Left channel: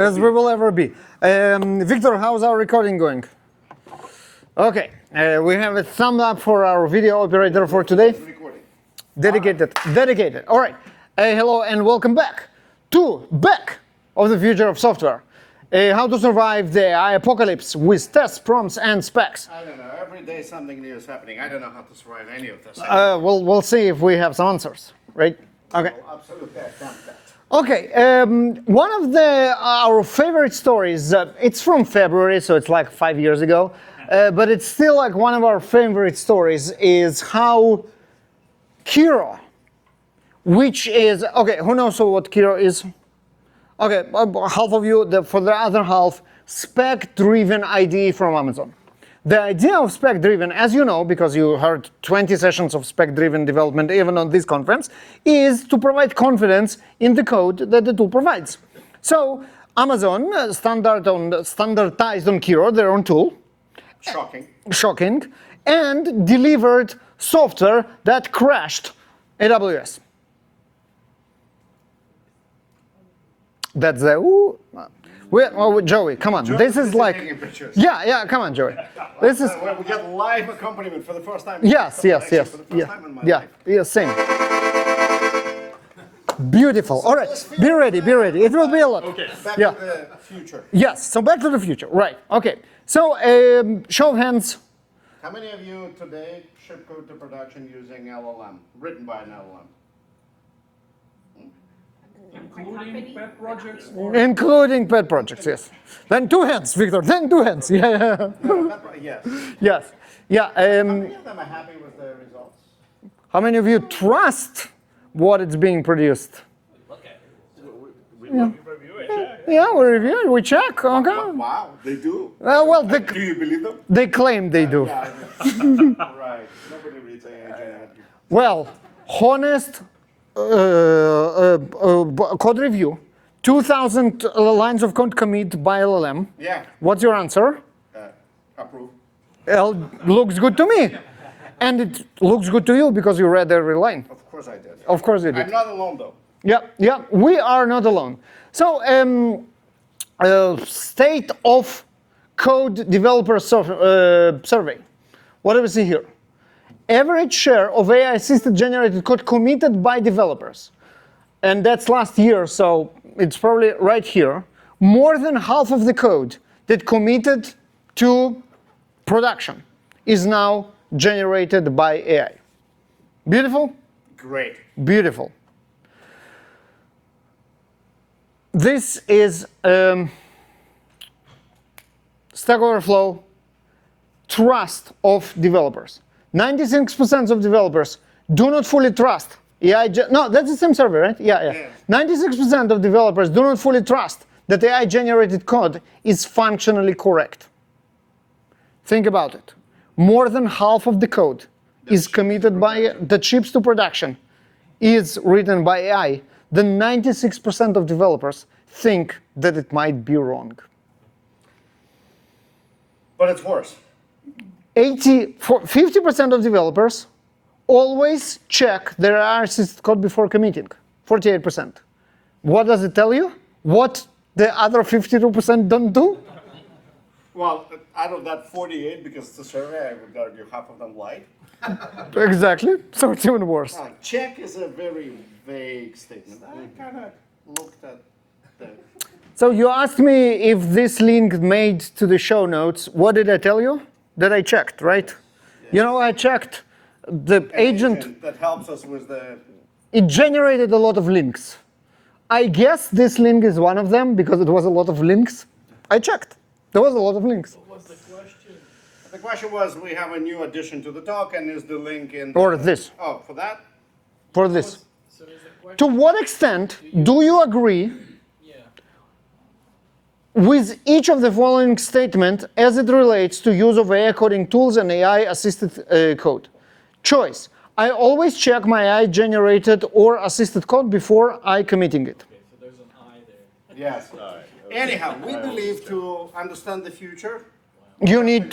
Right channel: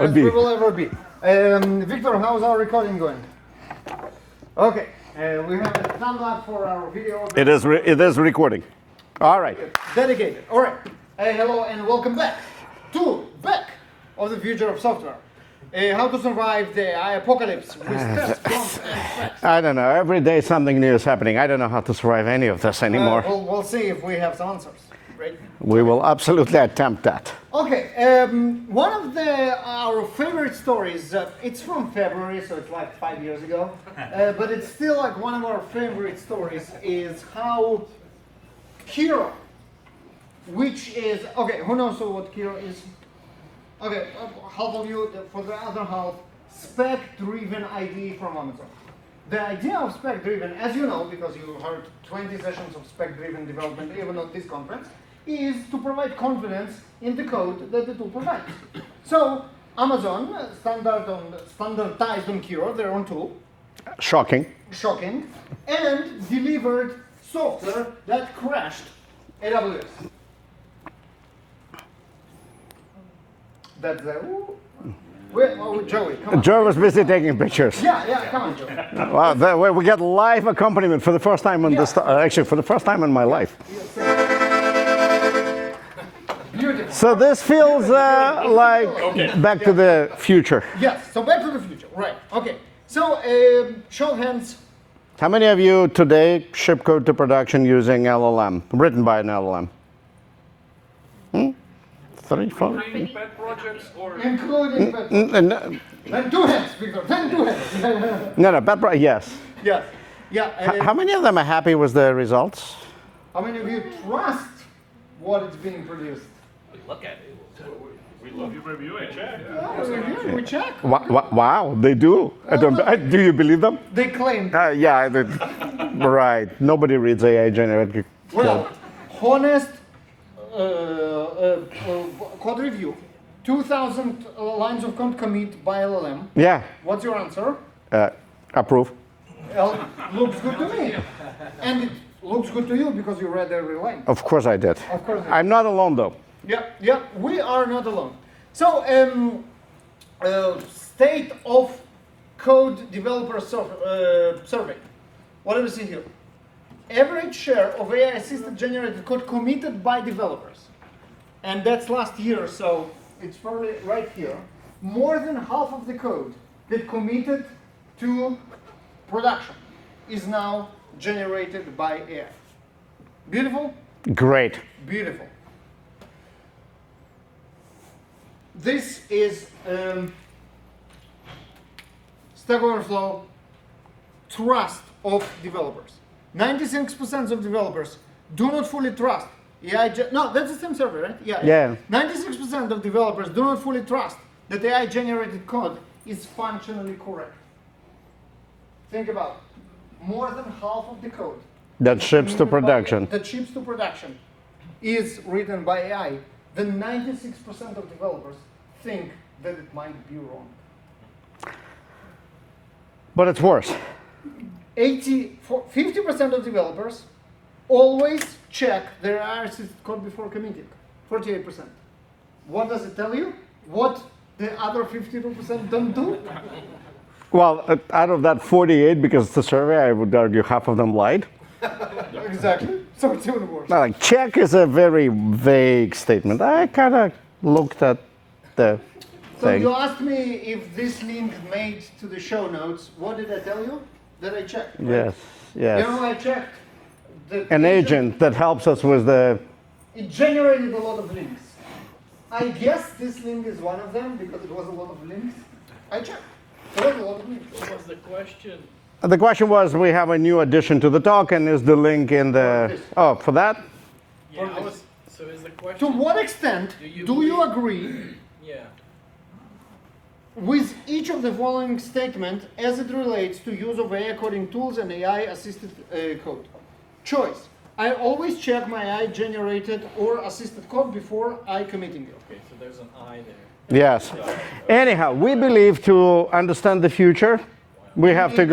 as we will ever be. Victor, how's our recording going? Okay, we have a thumb up for our video operator for today. It is recording. Dedicated. All right. Dedicated. All right. Hello and welcome back to Back of the Future of Software. How to survive the AI apocalypse with tests, prompts, and specs. I don't know. Every day something new is happening. I don't know how to survive any of this anymore. We'll see if we have some answers, right? We will absolutely attempt that. Okay. One of our favorite stories. It's from February, so it's like 5 years ago, but it's still like one of our favorite stories. Is how Kiro, which is okay. Who knows what Kiro is? Okay, half of you, for the other half, spec-driven IDE from Amazon. The idea of spec-driven, as you know, because you heard 20 sessions of spec-driven development even on this conference, is to provide confidence in the code that the tool provides. So Amazon standardized on Kiro, their own tool. Shocking. And delivered software that crashed AWS. That's the Joey, come on. Joey was busy taking pictures. Yeah, come on, Joey. Wow, we get live accompaniment for the first time on this. Actually, for the first time in my life. Yeah, same. Beautiful. So this feels be ready. It will be like Back to the Future. Yes, so Back to the Future, right. Okay, so show of hands. How many of you today ship code to production using LLM, written by an LLM? 3, 4? Including pet projects, yes. Then two hands, Victor, then two hands. Yeah. No, pet projects, yes. Yes. Yeah. How many of them are happy with the results? How many of you trust what is being produced? We look at it. We review it, check. Yeah, we review it, we check. Okay. Wow, they do. Do you believe them? They claim they do. Yeah, right. Nobody reads AI generated. Well, honest code review, 2,000 lines of code commit by LLM. Yeah. What's your answer? Approve. Looks good to me. And it looks good to you because you read every line. Of course I did. Of course you did. I'm not alone though. Yeah, we are not alone. So, state of code developer survey. What do we see here? Average share of AI-assisted generated code committed by developers. And that's last year, so it's probably right here. More than half of the code that committed to production is now generated by AI. Beautiful? Great. Beautiful. This is Stack Overflow trust of developers. 96% of developers do not fully trust AI. No, that's the same survey, right? Yeah. 96% of developers do not fully trust that AI-generated code is functionally correct. Think about it. More than half of the code that ships to production is written by AI. Then 96% of developers think that it might be wrong. But it's worse. 50% of developers always check their AI-assisted code before committing. 48%. What does it tell you? What the other 52% don't do? Well, out of that 48, because it's a survey, I would argue half of them lied. Exactly. So it's even worse. Now, like, check is a very vague statement. I kind of looked at the thing. You asked me if this link made to the show notes. What did I tell you? That I checked, right? Yes. You know, I checked the An agent that helps us with the... It generated a lot of links. I guess this link is one of them because it was a lot of links. I checked. There was a lot of links. What was the question? The question was, we have a new addition to the talk, and is the link in the... Or this. Oh, for that? For this. So is the question... To what extent do you agree with each of the following statements as it relates to use of AI coding tools and AI-assisted code? Choice. I always check my AI-generated or assisted code before I committing it. Okay, so there's an I there. Yes. Anyhow, we believe to understand the future, we have to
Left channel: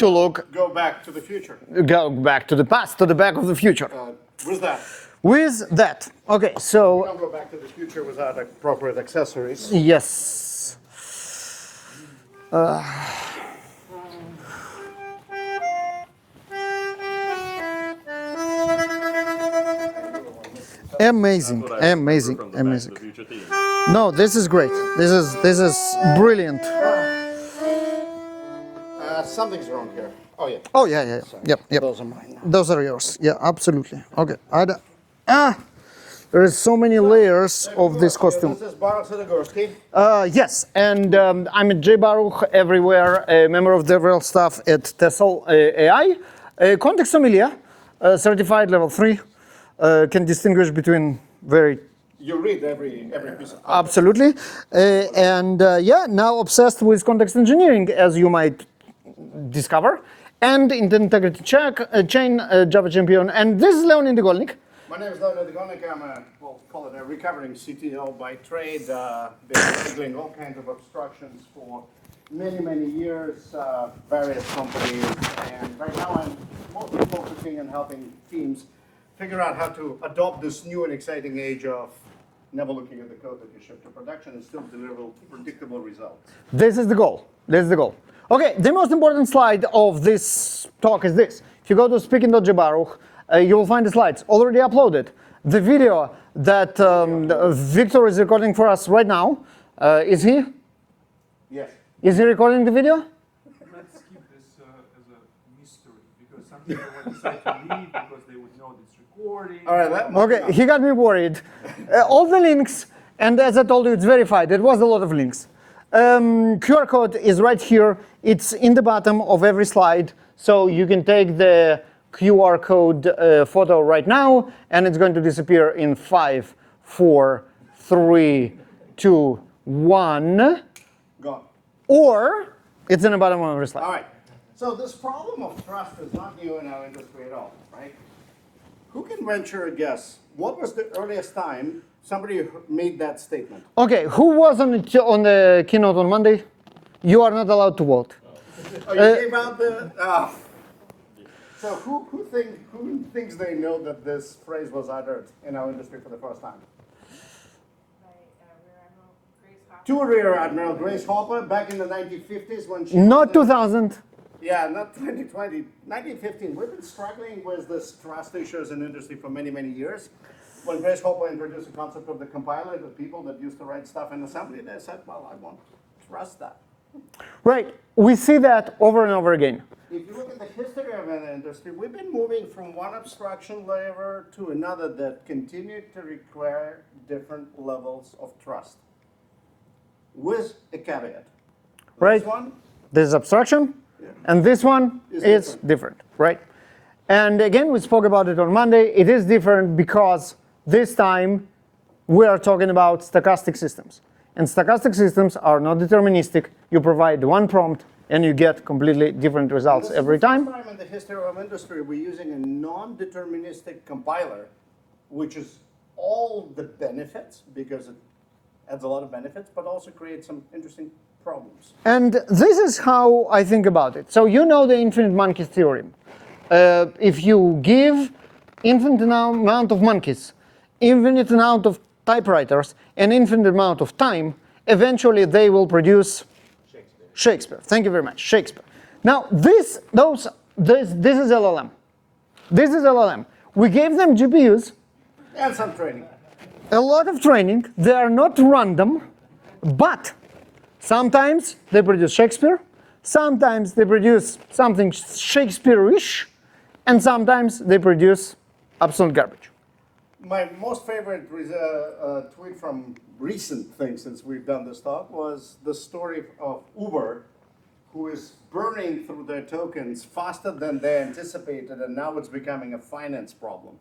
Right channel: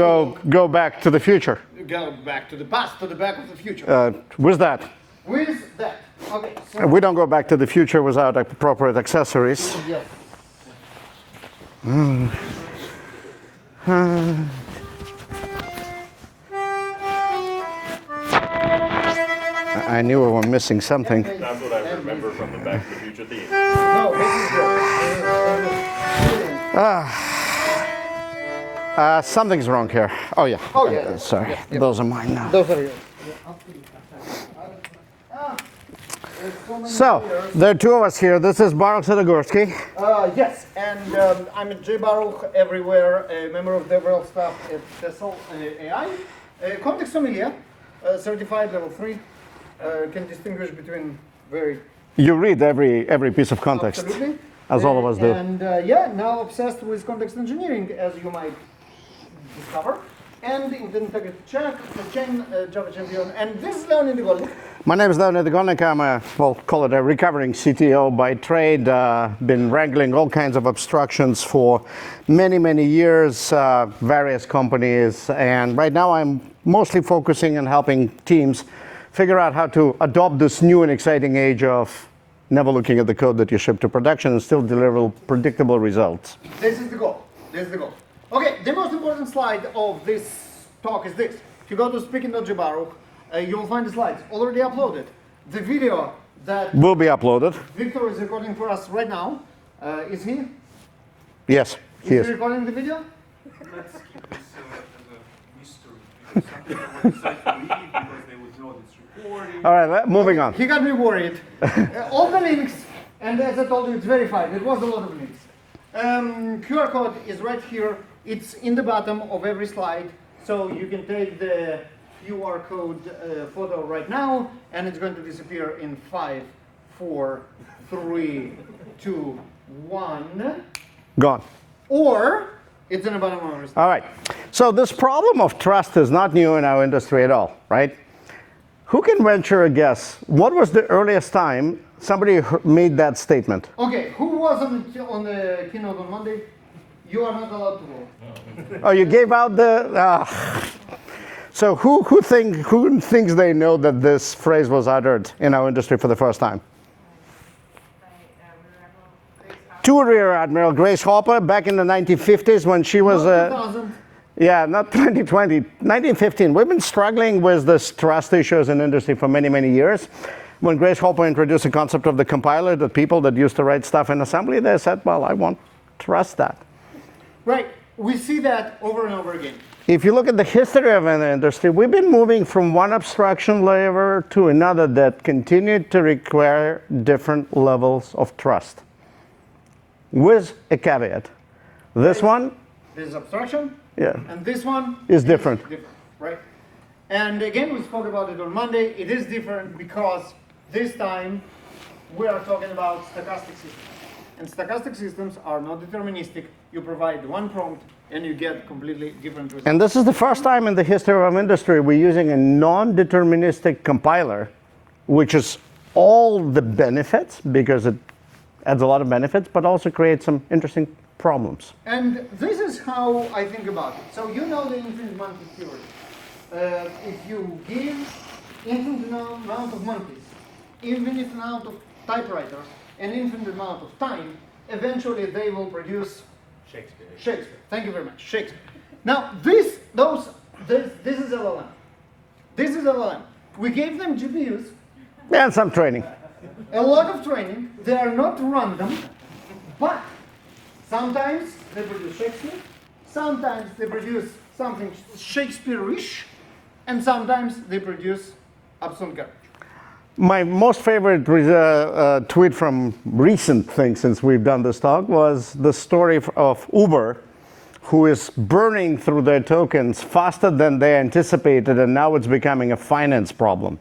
go back to the future. Go back to the past, to the back of the future. With that. With that. Okay, so... We don't go back to the future without appropriate accessories. Yes. I knew we were missing something. Amazing, amazing, amazing. Future theme. No, this is great. This is brilliant. Something's wrong here. Oh, yeah. Oh, yeah, yeah. Sorry. Yep, yep. Those are mine now. Those are yours. Yeah, absolutely. Okay. There's so many So, layers. there are two of this us here. costume. This is Baruch and Leonid. Yes, and I'm at J Baruch everywhere, a member of DevRel staff at Tessel AI. Context familiar, certified level 3, can distinguish between very. You read every piece of context. Absolutely. As all of us do. And yeah, now obsessed with context engineering, as you might discover, and in the integrity chain, Java champion. And this is Leonid Golnik. My name is Leonid Golnik. I'm call it a recovering CTO by trade. Been wrangling all kinds of abstractions for many, many years, various companies. And right now I'm mostly focusing on helping teams figure out how to adopt this new and exciting age of never looking at the code that you ship to production and still deliver predictable results. This is the goal. This is the goal. Okay, the most important slide of this talk is this. If you go to speaking.jbaruch, you will find the slides already uploaded. The video that Will be uploaded. Victor is recording for us right now. Is he? Yes. Is he yes. recording the video? Let's keep this as a mystery, because some people would decide to leave because they would know it's recording. All right, moving on. He got me worried. All the links, and as I told you, it's verified. It was a lot of links. QR code is right here. It's in the bottom of every slide, so you can take the QR code photo right now, and it's going to disappear in 5, 4, 3, 2, 1. Gone. Or it's in the bottom of every slide. All right. So this problem of trust is not new in our industry at all, right? Who can venture a guess? What was the earliest time somebody made that statement? Okay, who was on the keynote on Monday? You are not allowed to vote. Oh, you gave out the. So who thinks they know that this phrase was uttered in our industry for the first time? Two Rear Admiral Grace Hopper back in the 1950s when she was. Not 2000. Yeah, not 2020, 1915. We've been struggling with this trust issues in industry for many, many years. When Grace Hopper introduced the concept of the compiler, the people that used to write stuff in assembly, they said, well, I won't trust that. Right. We see that over and over again. If you look at the history of an industry, we've been moving from one abstraction layer to another that continued to require different levels of trust. With a caveat. This one, This is abstraction. yeah, And this one Is different. right? And again, we spoke about it on Monday. It is different because this time we are talking about stochastic systems. And stochastic systems are not deterministic. You provide one prompt and you get completely different results. and this is the every first time in the history of our industry we're using a non-deterministic compiler, which is all the benefits because it adds a lot of benefits, but also creates some interesting problems. And this is how I think about it. So you know the infinite monkey theorem. If you give infinite amount of monkeys, infinite amount of typewriters, and infinite amount of time, eventually they will produce Shakespeare. Thank you very much, Shakespeare. Now this is LLM. This is LLM. We gave them GPUs, And some training. a lot of training. They are not random, but sometimes they produce Shakespeare, sometimes they produce something Shakespeare-ish, and sometimes they produce absolute garbage. My most favorite tweet from recent things since we've done this talk was the story of Uber, who is burning through their tokens faster than they anticipated, and now it's becoming a finance problem.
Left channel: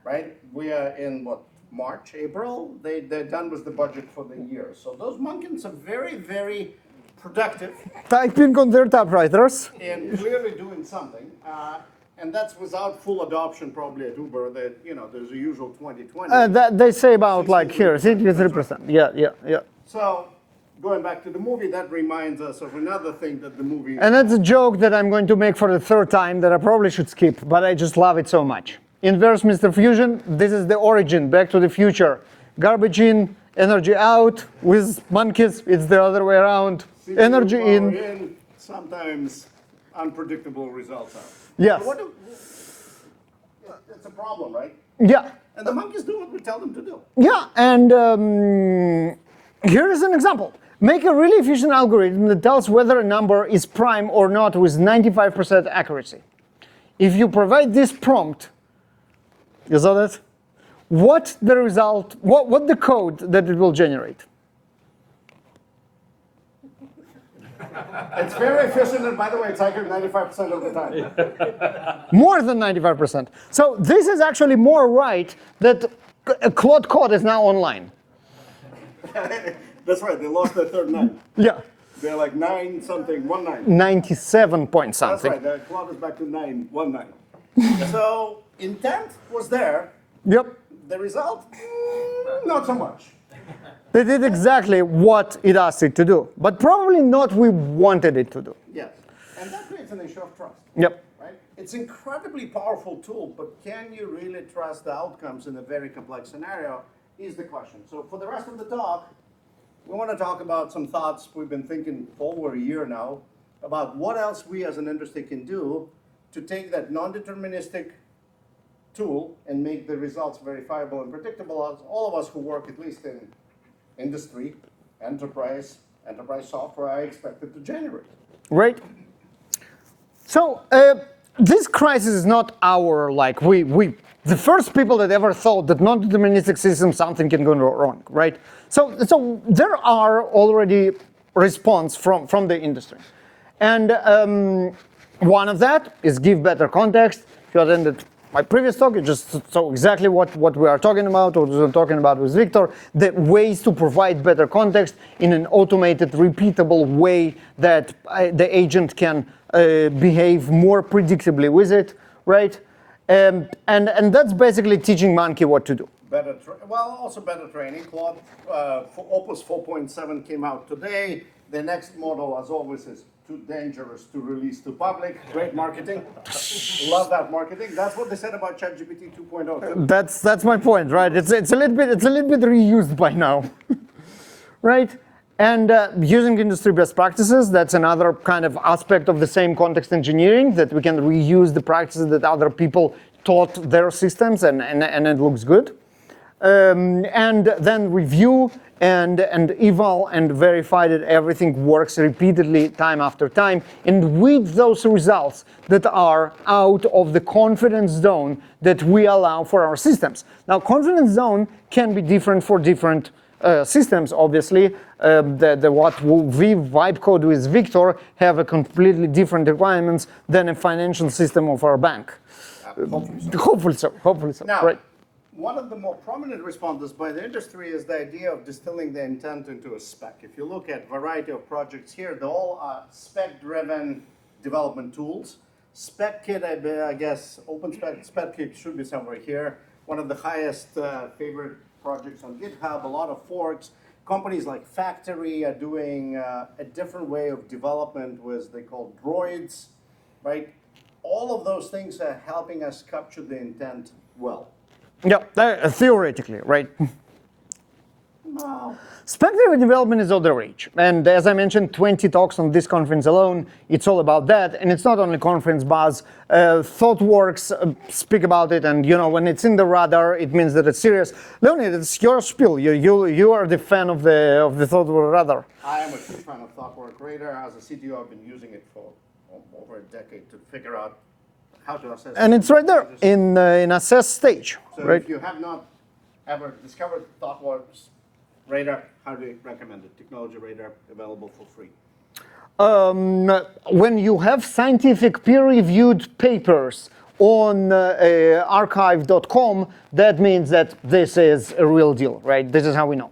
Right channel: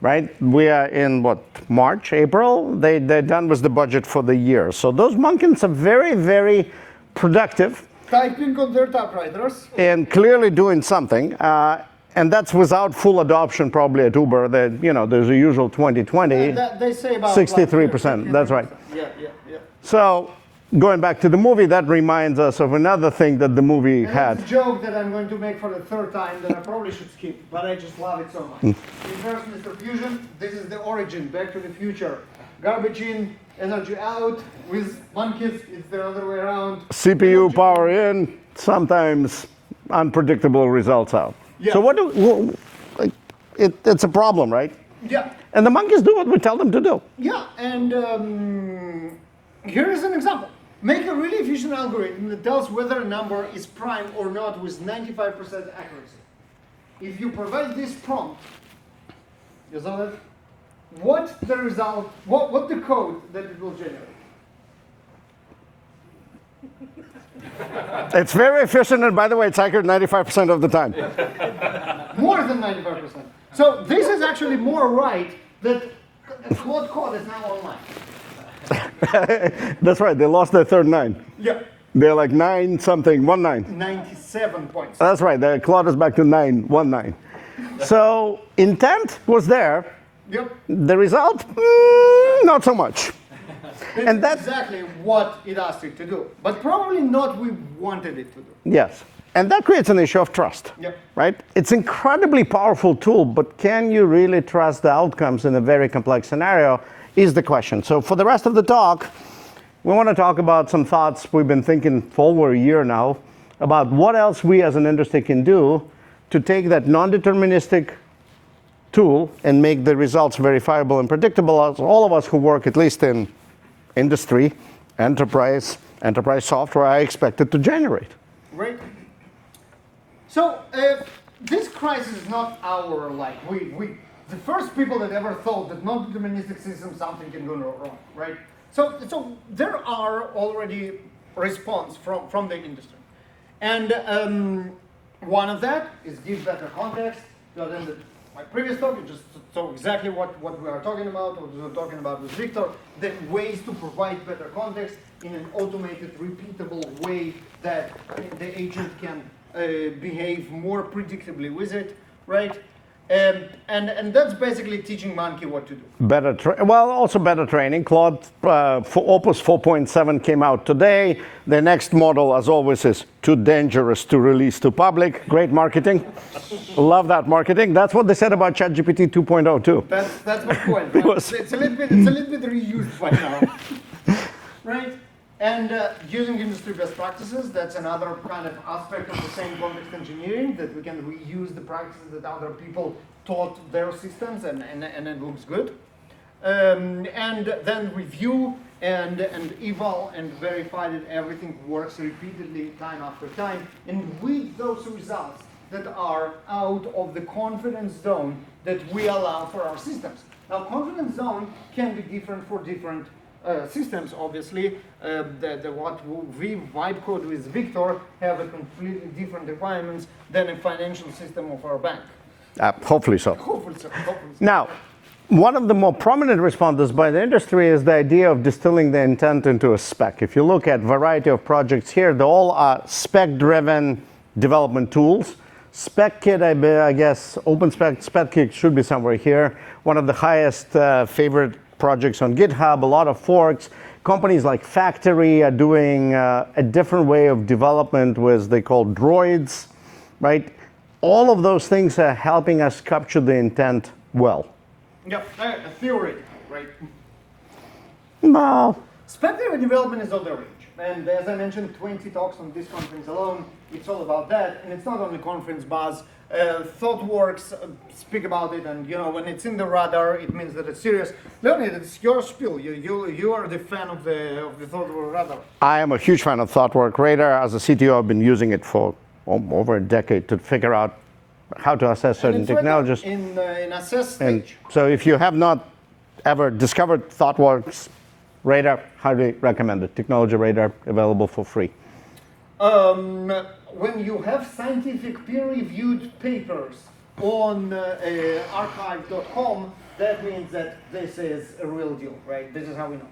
Right? We are in what, March, April? They're done with the budget for the year. So those monkeys are very, very productive Typing on their typewriters. and clearly doing something. And that's without full adoption probably at Uber. There's a usual 2020. They say about like here, 63%, that's right. 63%. Yeah. So going back to the movie, that reminds us of another thing that the movie And that's a had. joke that I'm going to make for the third time that I probably should skip, but I just love it so much. Inverse Mr. Fusion, this is the origin, Back to the Future. Garbage in, energy out. With monkeys, it's the other way around. CPU Energy power in, sometimes unpredictable results out. Yes. So it's a problem, right? Yeah. And the monkeys do what we tell them to do. Yeah, and here is an example. Make a really efficient algorithm that tells whether a number is prime or not with 95% accuracy. If you provide this prompt, you saw that? What the result, what the code that it will generate? It's very efficient, and by the way, it's accurate 95% of the time. More than 95%. So this is actually more right that Claude Code is now online. That's right, they lost their third 9. Yeah. They're like 9 something, 19. 97 points. That's right, the Claude is back to 919. So intent was there. Yep. The result, not so much. It did exactly what it asked it to do, but probably not we wanted it to do. Yes, and that creates an issue of trust. Yep. Right? It's an incredibly powerful tool, but can you really trust the outcomes in a very complex scenario is the question. So for the rest of the talk, we want to talk about some thoughts we've been thinking for over a year now about what else we as an industry can do to take that non-deterministic tool and make the results verifiable and predictable, as all of us who work at least in industry, enterprise software are expected to generate. Right? So this crisis is not our, like, the first people that ever thought that non-deterministic system something can go wrong, right? So there are already response from the industry. And one of that is give better context. If you attended my previous talk, you just saw exactly what we are talking about, what we were talking about with Victor, the ways to provide better context in an automated, repeatable way that the agent can behave more predictably with it, right? And that's basically teaching monkey what to do. Also better training. Claude for Opus 4.7 came out today. The next model, as always, is too dangerous to release to public. Great marketing. Love that marketing. That's what they said about ChatGPT 2.0 too. That's my point, right? It's a little bit reused by now, right? And using industry best practices, that's another kind of aspect of the same context engineering, that we can reuse the practices that other people taught their systems, and it looks good. And then review and eval and verify that everything works repeatedly time after time. And with those results that are out of the confidence zone that we allow for our systems. Now, confidence zone can be different for different systems, obviously. What we vibe code with Victor have a completely different requirements than a financial system of our bank. Hopefully so. Hopefully so. Now, right. One of the more prominent responses by the industry is the idea of distilling the intent into a spec. If you look at variety of projects here, they all are spec-driven development tools. SpecKit, I guess, OpenSpec, SpecKit should be somewhere here. One of the highest favorite projects on GitHub, a lot of forks. Companies like Factory are doing a different way of development with they call droids, right? All of those things are helping us capture the intent well. Yeah, theoretically, right? Well, Spec-driven development is all the rage. And as I mentioned, 20 talks on this conference alone, it's all about that. And it's not only conference buzz. ThoughtWorks speak about it, and when it's in the radar, it means that it's serious. Leonid, it's your spiel. You are the fan of the ThoughtWorks radar. I am a huge fan of ThoughtWorks Radar. As a CTO, I've been using it for over a decade to figure out how to assess and it's right there technologies. in assess stage. So if you have not ever discovered ThoughtWorks Radar, highly recommend it. Technology Radar, available for free. When you have scientific peer-reviewed papers on archive.com, that means that this is a real deal, right? This is how we know.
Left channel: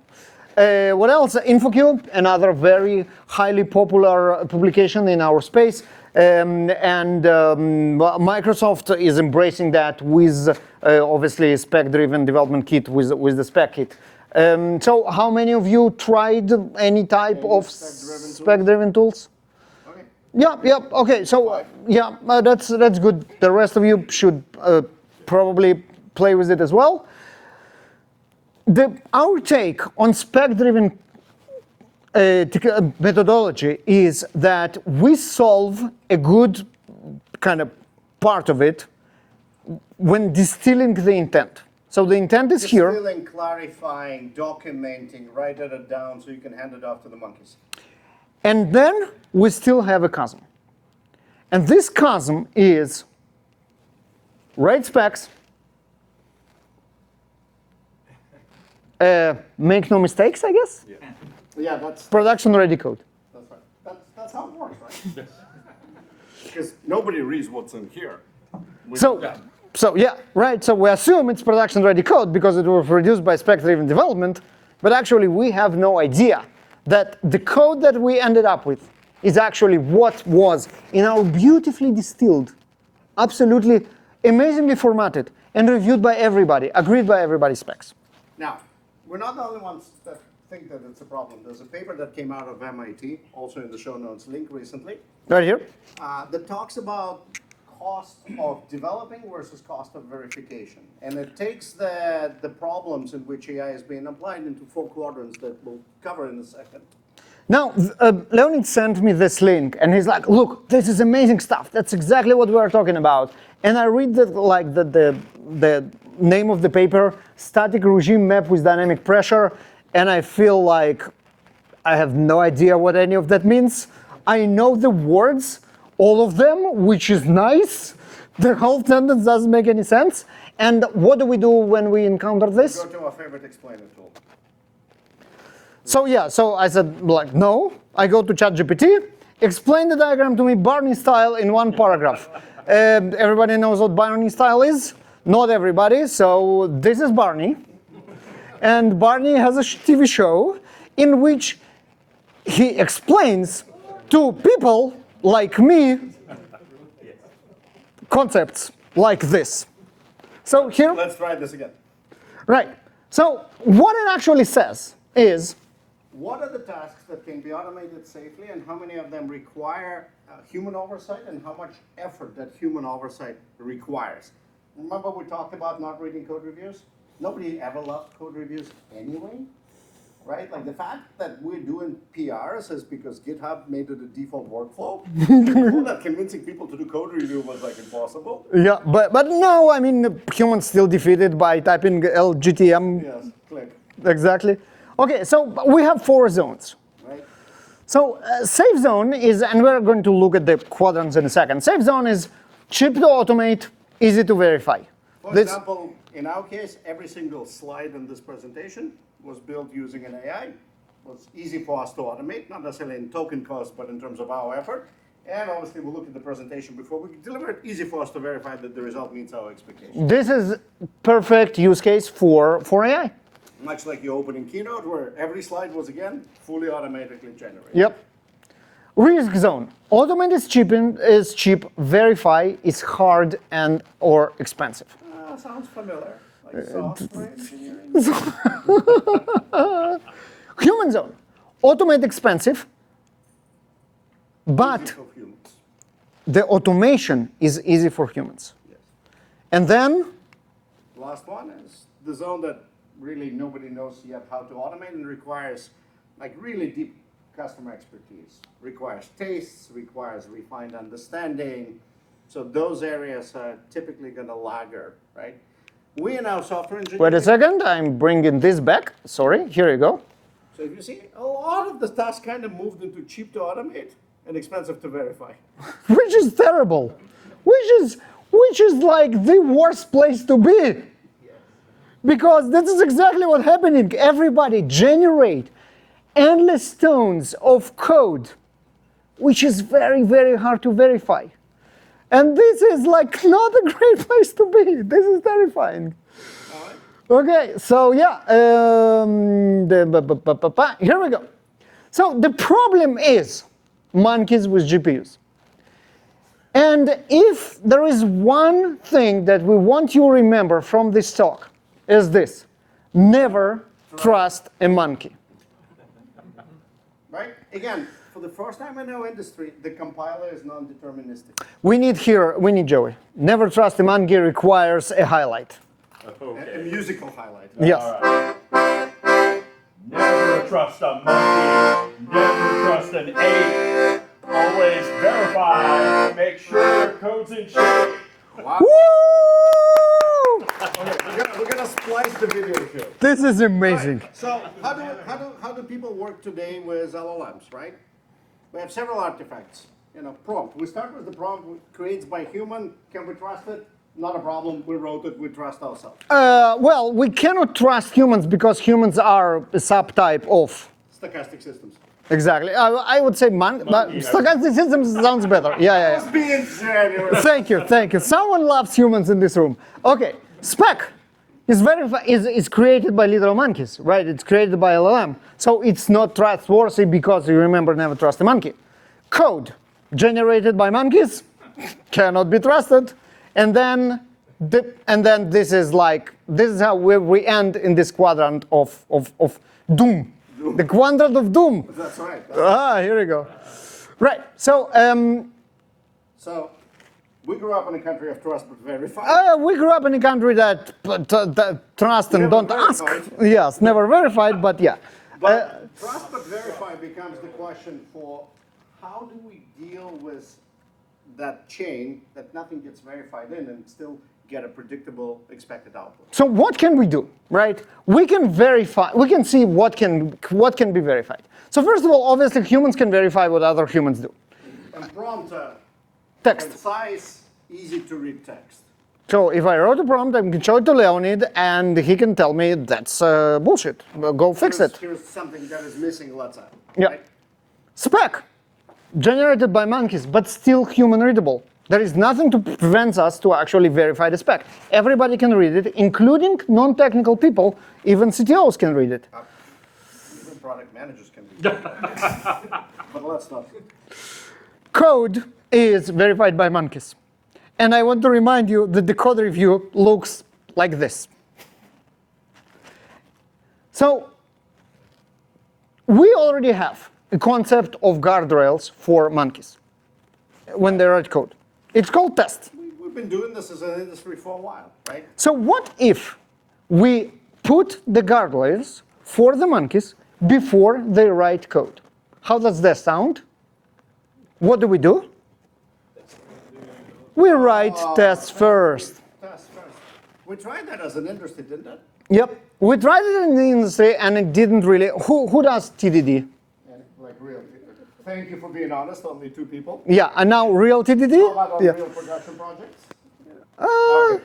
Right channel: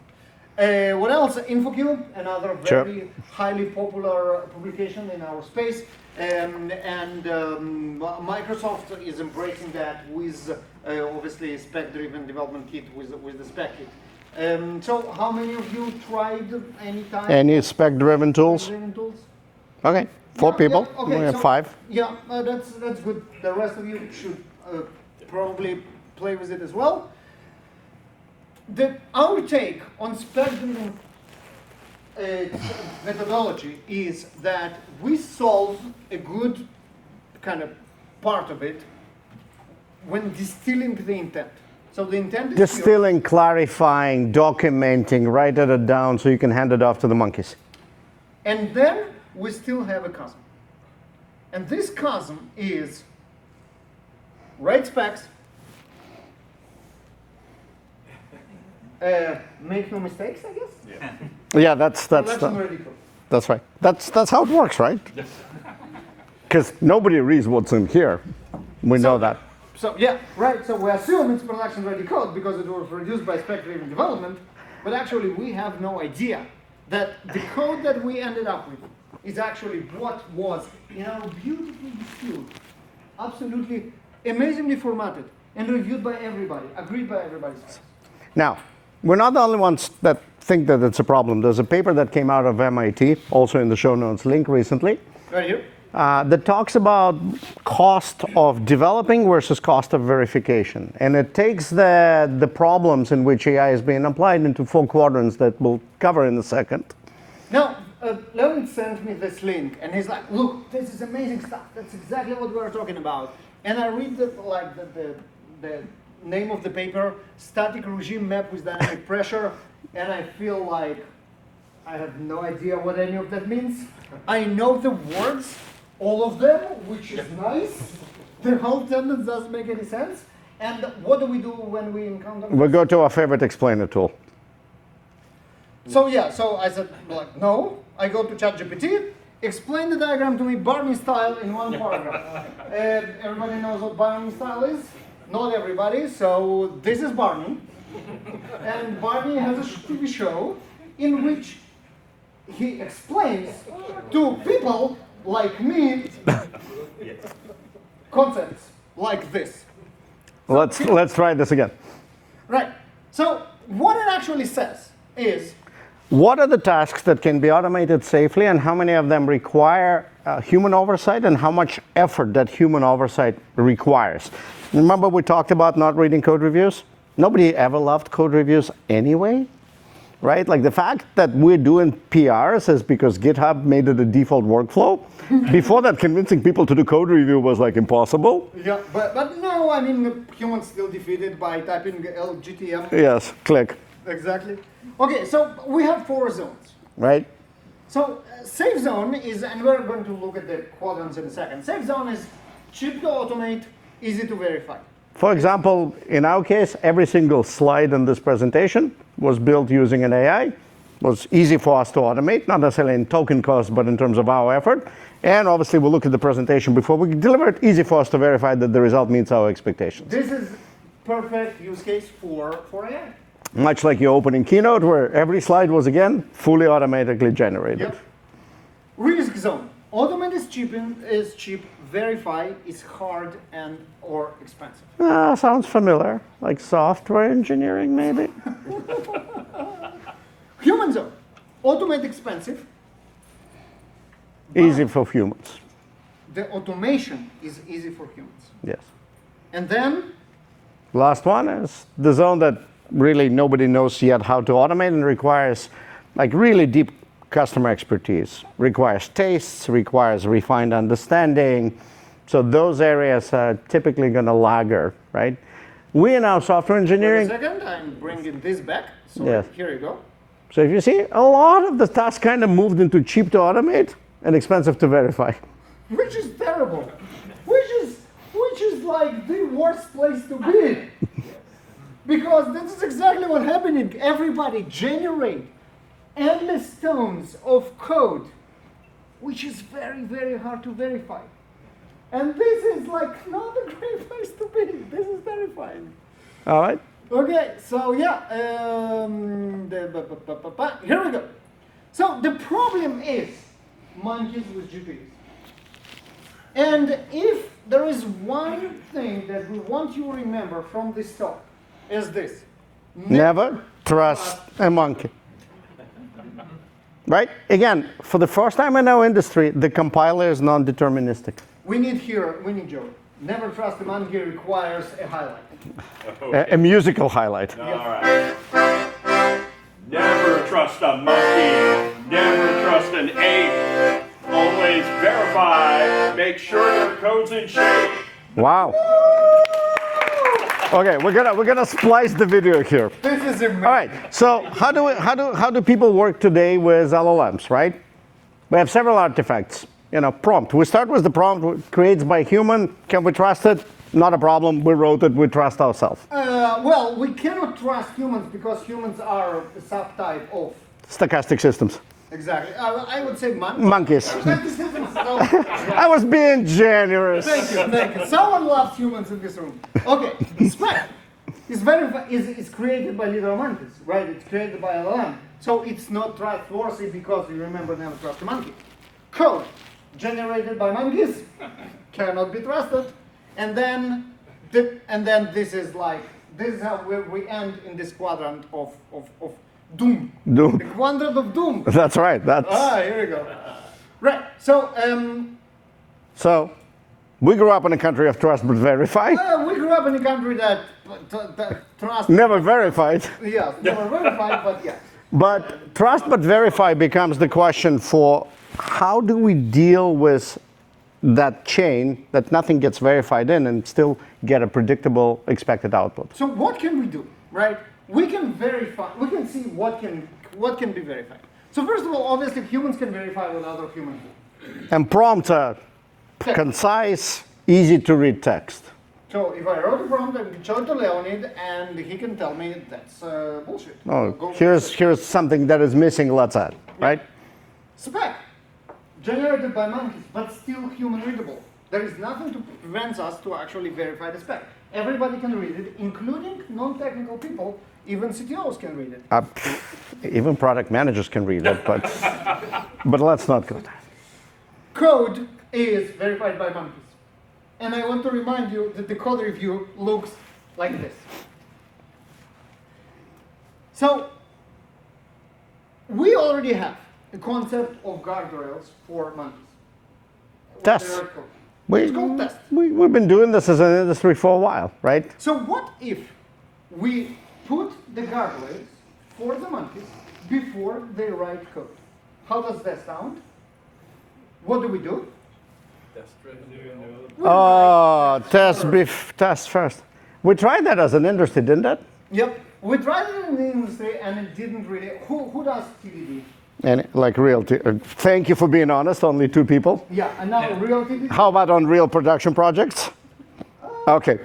What else? InfoQ, another very highly popular publication in our space. Microsoft is embracing that with obviously spec-driven development kit with the SpecKit. So how many of you tried any type of spec-driven tools? Okay, four people. Yeah, okay, so 5. Yeah, that's good. The rest of you should probably play with it as well. Our take on spec-driven methodology is that we solve a good kind of part of it when distilling the intent. So the intent is here. Distilling, clarifying, documenting, writing it down so you can hand it off to the monkeys. And then we still have a chasm. And this chasm is write specs, make no mistakes, I guess. Yeah, that's Production-ready code. That's right. That's how it works, right? Yes. Because nobody reads what's in here. We know that. So yeah, right. So we assume it's production-ready code because it was produced by spec-driven development, but actually we have no idea that the code that we ended up with is actually what was in our beautifully distilled, absolutely amazingly formatted, and reviewed by everybody, agreed by everybody specs. Now, we're not the only ones that think that it's a problem. There's a paper that came out of MIT, also in the show notes link recently, Right here. that talks about cost of developing versus cost of verification. And it takes the problems in which AI is being applied into 4 quadrants that we'll cover in a second. Now, Leonid sent me this link, and he's like, look, this is amazing stuff. That's exactly what we are talking about. And I read the name of the paper, Static Regime Map with Dynamic Pressure, and I feel like I have no idea what any of that means. I know the words, all of them, which is nice. The whole sentence doesn't make any sense. And what do we do when we encounter this? We'll go to our favorite explainer tool. So yeah, so I said, like, no. I go to ChatGPT, explain the diagram to me Barney style in 1 paragraph. Everybody knows what Barney style is? Not everybody, so this is Barney. And Barney has a TV show in which he explains to people like me concepts like this. So Let's try this again. right. So what it actually says is, What are the tasks that can be automated safely, and how many of them require human oversight, and how much effort that human oversight requires? Remember we talked about not reading code reviews? Nobody ever loved code reviews anyway, right? Like the fact that we're doing PRs is because GitHub made it a default workflow. Before that, convincing people to do code review was like impossible. yeah, but no, I mean, humans still defeated by typing LGTM. Yes, click, Exactly. Okay, so we have 4 zones. right? So safe zone is, and we're going to look at the quadrants in a second. Safe zone is cheap to automate, easy to verify. For example, in our case, every single slide in this presentation was built using an AI. Was easy for us to automate, not necessarily in token cost, but in terms of our effort. And obviously, we'll look at the presentation before we deliver it. Easy for us to verify that the result meets our expectations. This is perfect use case for AI. Much like your opening keynote, where every slide was, again, fully automatically generated. Yep. Risk zone. Automate is cheap, verify is hard and or expensive. Sounds familiar, like software engineering, maybe? Human zone. Automate expensive, but Easy for humans. the automation is easy for humans. Yes. And then, Last one is the zone that really nobody knows yet how to automate and requires like really deep customer expertise, requires tastes, requires refined understanding. So those areas are typically going to lagger, right? We in our software engineering. wait a second, I'm bringing this back. Sorry, Yeah. here you go. So if you see, a lot of the tasks kind of moved into cheap to automate and expensive to verify. Which is terrible. Which is like the worst place to be. Because this is exactly what's happening. Everybody generate endless tons of code, which is very, very hard to verify. And this is like not a great place to be. This is terrifying. All right? Okay, so yeah, here we go. So the problem is monkeys with GPUs. And if there is one thing that we want you to remember from this talk, is this: never trust a monkey. Right? Again, for the first time in our industry, the compiler is non-deterministic. We need Joey. Never trust a monkey requires a highlight. A musical highlight. Yes. All right. trust a monkey. Never trust an ape. Always verify. Make sure your code's in shape. Wow. Okay, we're gonna splice the video here. This is All amazing. right, so how do people work today with LLMs, right? We have several artifacts. Prompt. We start with the prompt created by human. Can we trust it? Not a problem. We wrote it. We trust ourselves. Well, we cannot trust humans because humans are a subtype of. Stochastic systems. Exactly. I would say Monkeys. Stochastic systems sounds better. Yeah. I was being generous. Thank you. Someone loves humans in this room. Okay, spec is created by literal monkeys, right? It's created by LLM. So it's not trustworthy because you remember never trust a monkey. Code generated by monkeys cannot be trusted. And then this is how we end in this quadrant of doom. Doom. The quadrant of doom. That's right. Here we go. Right. So So, we grew up in a country of trust but verify. we grew up in a country that trust and Never don't ask. verified. Yes, never verified, but yeah. But trust but verify becomes the question for how do we deal with that chain that nothing gets verified in and still get a predictable expected output. So what can we do, right? We can verify, we can see what can be verified. So first of all, obviously humans can verify what other humans do. And prompt a Text. concise, easy to read text. So if I wrote a prompt, I can show it to Leonid and he can tell me that's bullshit. Go fix it. Here's something that is missing, let's add, right? Spec, generated by monkeys, but still human readable. There is nothing to prevent us to actually verify the spec. Everybody can read it, including non-technical people. Even CTOs can read it. Even product managers can read it, but let's not go there. Code is verified by monkeys. And I want to remind you that the code review looks like this. So we already have a concept of guardrails for monkeys when they Tests. write code. It's called test. We've been doing this as an industry for a while, right? So what if we put the guardrails for the monkeys before they write code? How does that sound? What do? We write tests first. Tests first. We tried that as an industry, didn't it? Yep. We tried it in the industry and it didn't really. Who does TDD? And like real, thank you for being honest, only 2 people. Yeah, and now real TDD? How about on real production projects? Okay.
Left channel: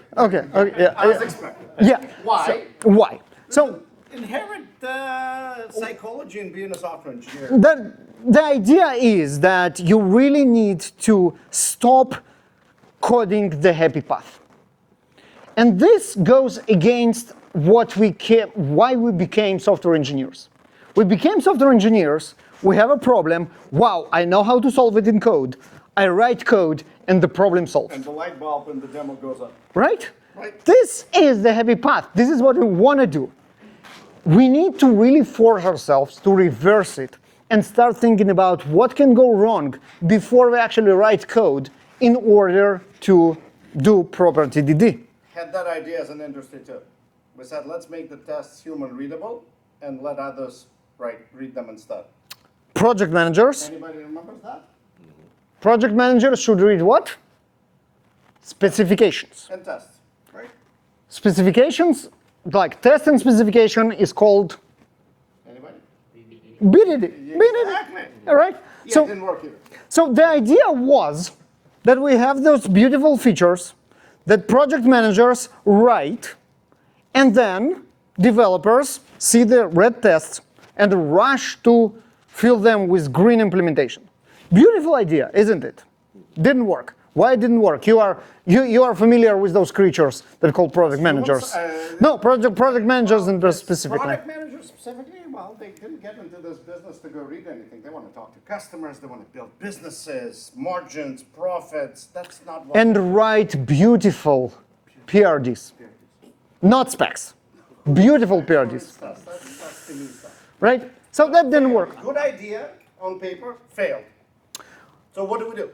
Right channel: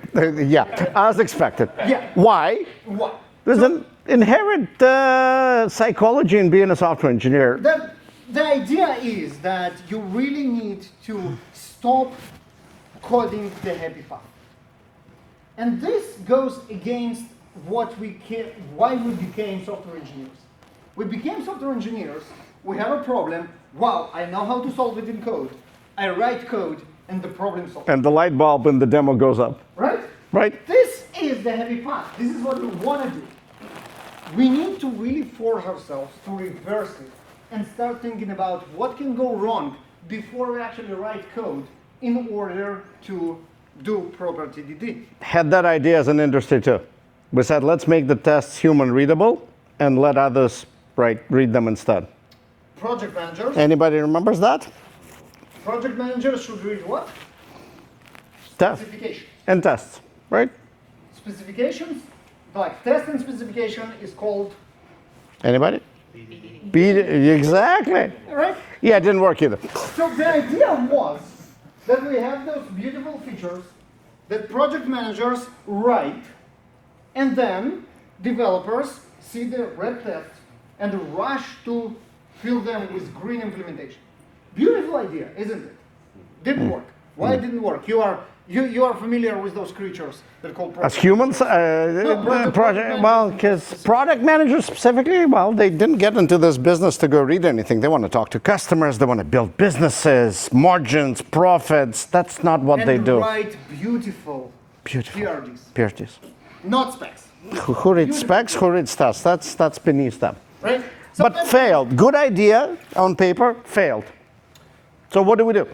As expected. Yeah. Why? So, why? There's So an inherent psychology in being a software engineer. the idea is that you really need to stop coding the happy path. And this goes against why we became software engineers. We became software engineers, we have a problem, wow, I know how to solve it in code. I write code and the problem solved. And the light bulb in the demo goes up. Right? Right. This is the happy path. This is what we want to do. We need to really force ourselves to reverse it and start thinking about what can go wrong before we actually write code in order to do proper TDD. Had that idea as an industry too. We said, let's make the tests human readable and let others read them instead. Project managers. Anybody remembers that? Project managers should read what? Specifications. And tests, right? Specifications, like test and specification is called Anybody? BDD. Exactly. All right? Yeah, So- it didn't work either. So the idea was that we have those beautiful features that project managers write, and then developers see the red tests and rush to fill them with green implementation. Beautiful idea, isn't it? Didn't work. Why it didn't work? You are familiar with those creatures that are called project Humans, managers. No, project managers and just specific. Product managers specifically, well, they didn't get into this business to go read anything. They want to talk to customers. They want to build businesses, margins, profits. That's not what they And do. write beautiful PRDs, PRTs. not specs. Who reads Beautiful specs? Who PRDs. reads tests? That's beneath them. Right? So But that didn't failed. work. Good idea on paper, failed. So what do?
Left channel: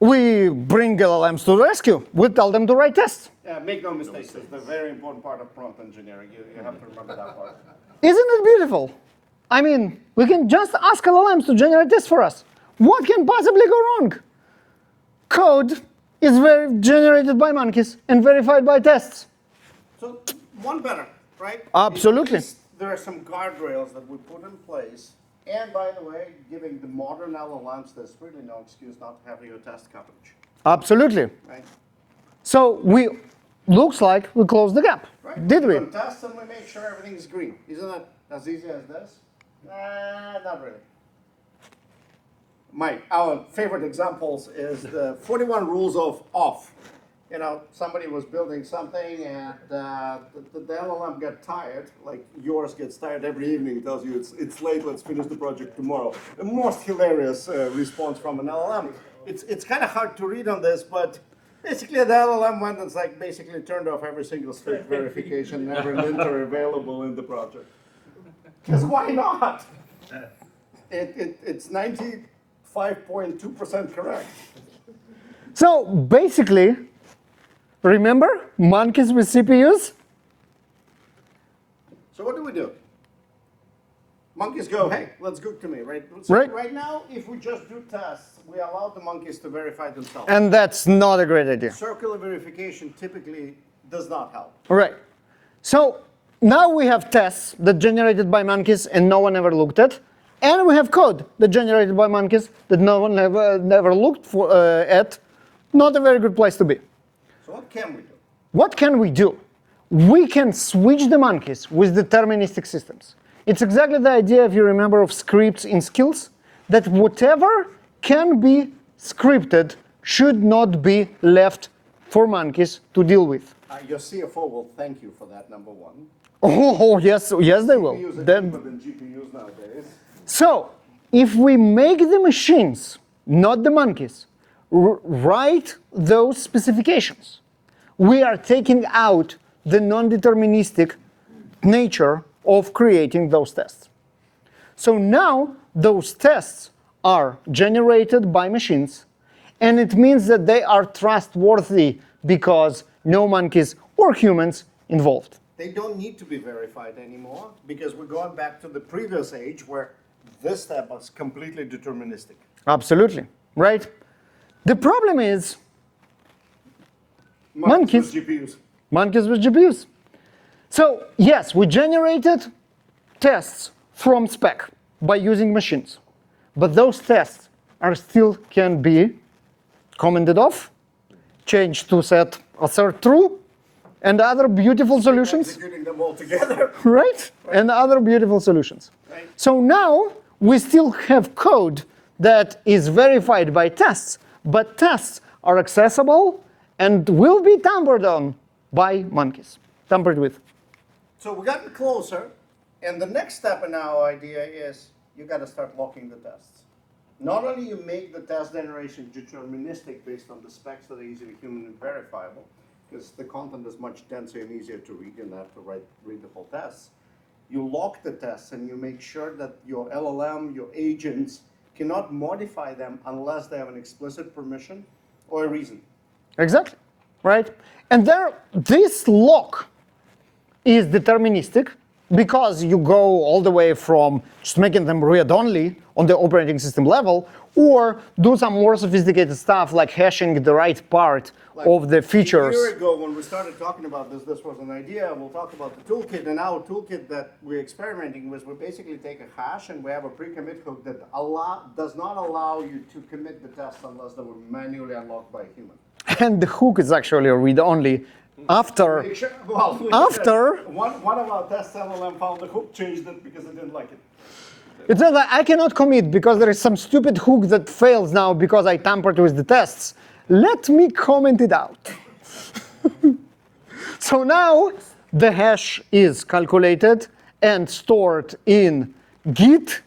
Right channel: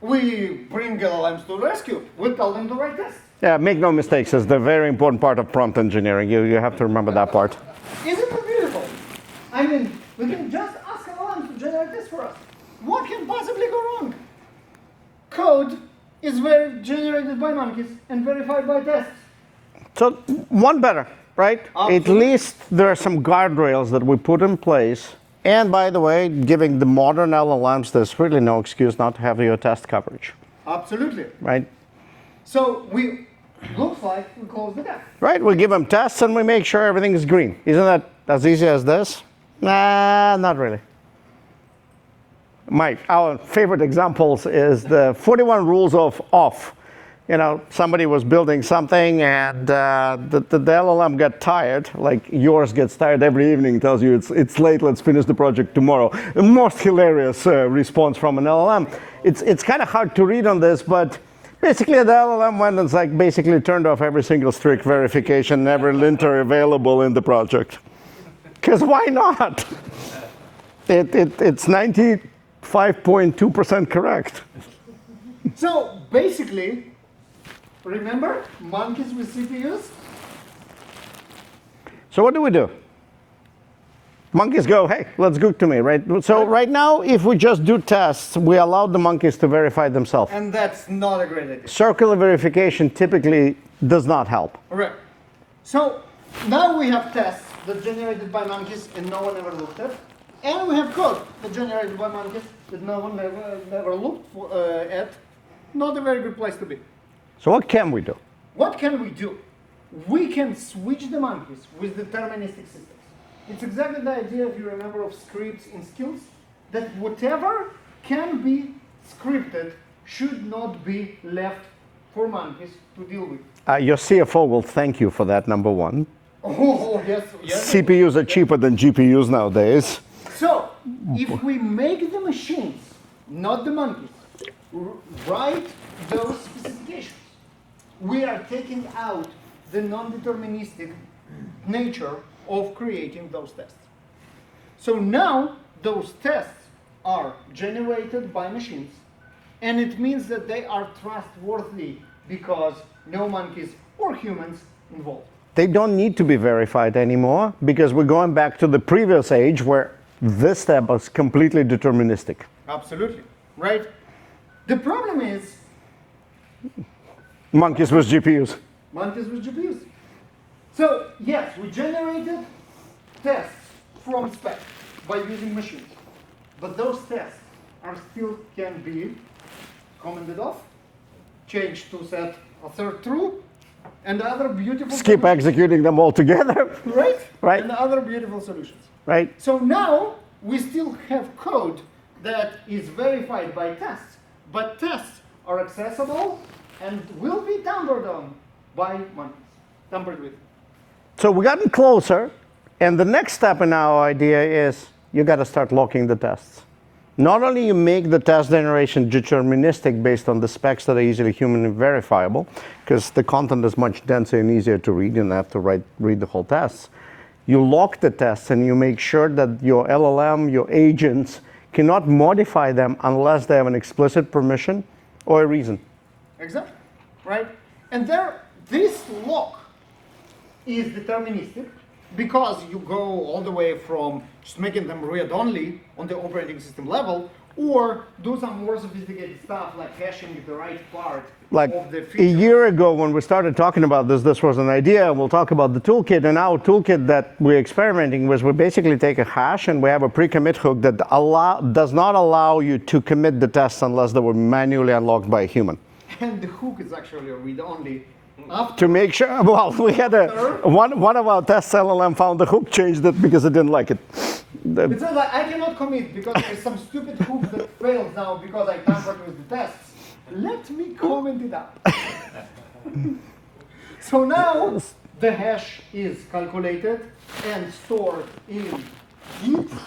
We bring LLMs to the rescue. We tell them to write tests. Yeah, make no mistakes. It's the very important part of prompt engineering. You have to remember that part. Isn't it beautiful? I mean, we can just ask LLMs to generate this for us. What can possibly go wrong? Code is generated by monkeys and verified by tests. So one better, right? Absolutely. At least there are some guardrails that we put in place. And by the way, giving the modern LLMs, there's really no excuse not to have your test coverage, Absolutely. right? So looks like we closed the gap. Right, we give them tests and we make sure everything is green. Isn't that as easy as this? Nah, not really. Our favorite examples is the 41 rules of off. You know, somebody was building something and the LLM got tired, like yours gets tired every evening, tells you it's late, let's finish the project tomorrow. The most hilarious response from an LLM. It's kind of hard to read on this, but basically the LLM went and basically turned off every single strict verification, every linter available in the project. Because why not? It's 95.2% correct. So basically, remember monkeys with CPUs? So what do? Monkeys go, hey, let's go to me, right? So right now, if we just do tests, we allow the monkeys to verify themselves. And that's not a great idea. Circular verification typically does not help. All right. So now we have tests that generated by monkeys and no one ever looked at. And we have code that generated by monkeys that no one never looked at. Not a very good place to be. So what can we do? What can we do? We can switch the monkeys with deterministic systems. It's exactly the idea, if you remember, of scripts in skills, that whatever can be scripted should not be left for monkeys to deal with. Your CFO will thank you for that, number one. Oh, yes, yes. they will. CPUs are cheaper than GPUs nowadays. So, if we make the machines, not the monkeys, write those specifications, we are taking out the non-deterministic nature of creating those tests. So now those tests are generated by machines, and it means that they are trustworthy because no monkeys or humans involved. They don't need to be verified anymore because we're going back to the previous age where this step was completely deterministic. Absolutely, right? The problem is Monkeys with GPUs. monkeys with GPUs. So yes, we generated tests from spec by using machines, but those tests are still can be commented off, changed to assert true, and other beautiful Keep solutions. executing them all together. Right? Right. And other beautiful solutions. Right. So now we still have code that is verified by tests, but tests are accessible and will be tampered on by monkeys, tampered with. So we've gotten closer, and the next step in our idea is you got to start locking the tests. Not only you make the test generation deterministic based on the specs that are easily human verifiable, because the content is much denser and easier to read, you don't have to read the whole tests. You lock the tests and you make sure that your LLM, your agents, cannot modify them unless they have an explicit permission or a reason. Exactly, right? And this lock is deterministic because you go all the way from just making them read-only on the operating system level, or do some more sophisticated stuff like hashing the right part of the features. A year ago when we started talking about this was an idea. We'll talk about the toolkit, and our toolkit that we're experimenting with, we basically take a hash and we have a pre-commit hook that does not allow you to commit the tests unless they were manually unlocked by a human. And the hook is actually read-only. After, to make sure, well, one of our tests LLM found the hook, changed it because it didn't like it. It's not that I cannot commit because there is some stupid hook that fails now because I tampered with the tests. Let me comment it out. So now the hash is calculated and stored in Git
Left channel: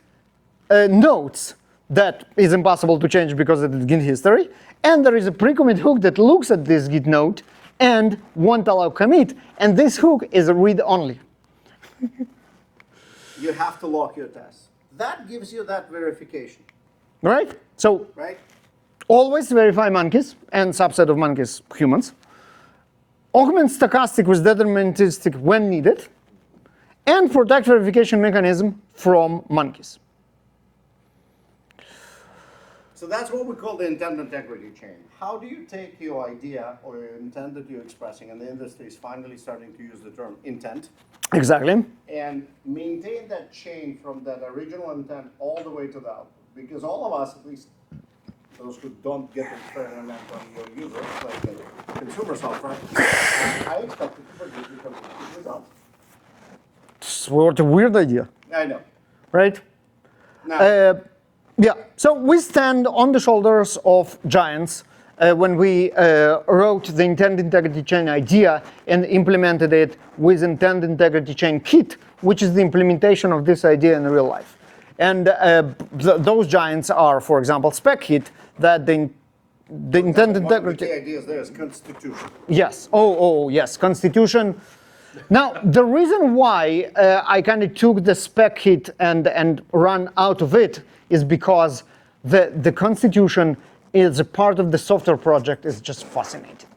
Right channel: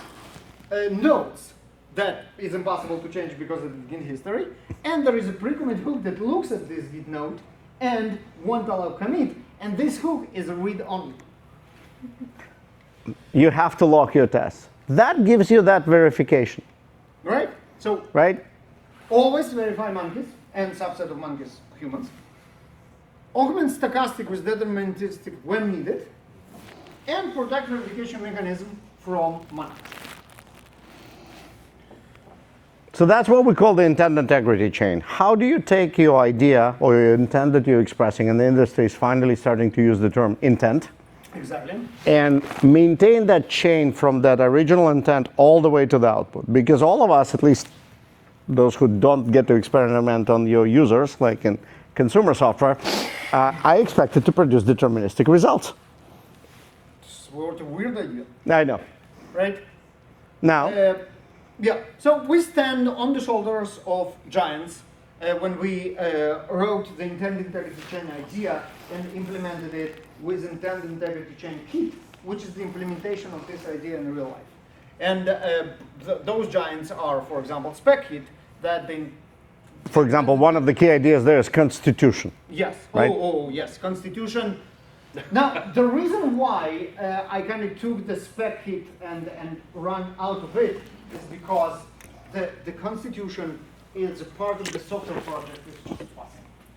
notes that is impossible to change because it is Git history. And there is a pre-commit hook that looks at this Git note and won't allow commit. And this hook is read-only. You have to lock your tests. That gives you that verification. Right? So right? Always verify monkeys and subset of monkeys, humans. Augment stochastic with deterministic when needed. And protect verification mechanism from monkeys. So that's what we call the intent integrity chain. How do you take your idea or your intent that you're expressing, and the industry is finally starting to use the term intent, Exactly. and maintain that chain from that original intent all the way to the output? Because all of us, at least those who don't get to experiment on your users, like in consumer software, I expect it to produce deterministic results. What a weird idea, I know. right? Now, Yeah, so we stand on the shoulders of giants when we wrote the intent integrity chain idea and implemented it with intent integrity chain kit, which is the implementation of this idea in real life. And those giants are, for example, spec kit that for example, one of the key ideas there is constitution. Yes. Right? Oh, yes. Constitution. Now, the reason why I kind of took the spec kit and run out of it is because the Constitution is a part of the software project is just fascinating.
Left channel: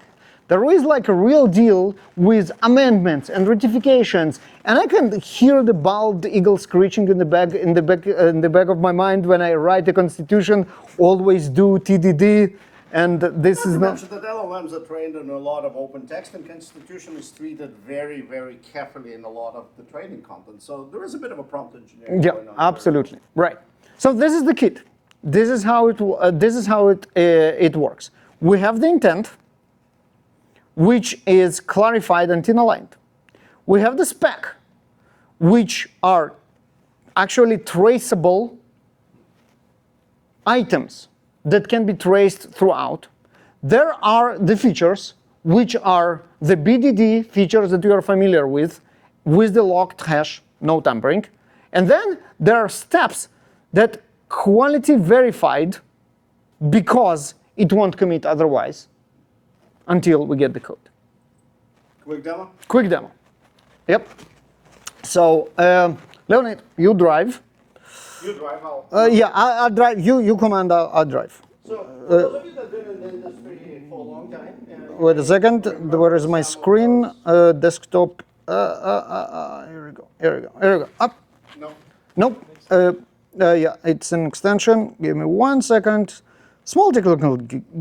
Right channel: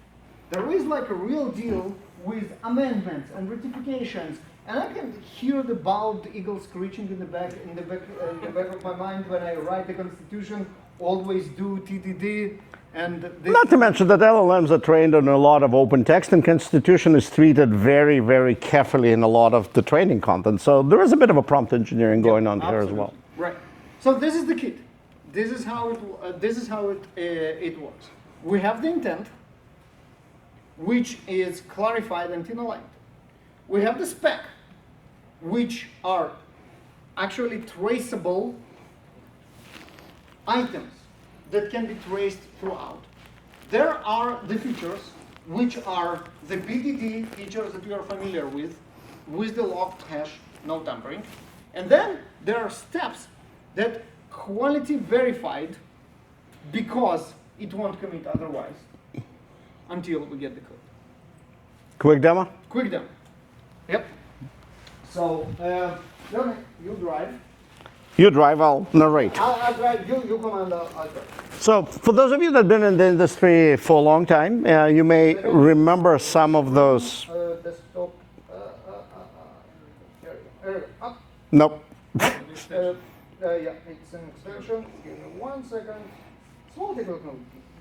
There is like a real deal with amendments and ratifications, and I can hear the bald eagle screeching in the back of my mind when I write the Constitution. Always do TDD, and this Not is to mention that LLMs are trained on a lot of open text, and Constitution is treated very, very carefully in a lot of the training content. So there is a bit of a prompt engineering going on there as well. Absolutely, right. So this is the kit. This is how it works. We have the intent, which is clarified and inaligned. We have the spec, which are actually traceable items that can be traced throughout. There are the features, which are the BDD features that you are familiar with the locked hash, no tampering. And then there are steps that quality verified because it won't commit otherwise until we get the code. Quick demo? Quick demo. Yep. So, Leonid, you drive. You drive, I'll Yeah, narrate. I'll drive. You command, I'll drive. So for those of you that have been in the industry for a long time, you Wait a may second. remember Where is my some of screen? those. Desktop. Here we go. Here we go. Up. Nope. Nope. Yeah, it's an extension. Give me 1 second. Small technical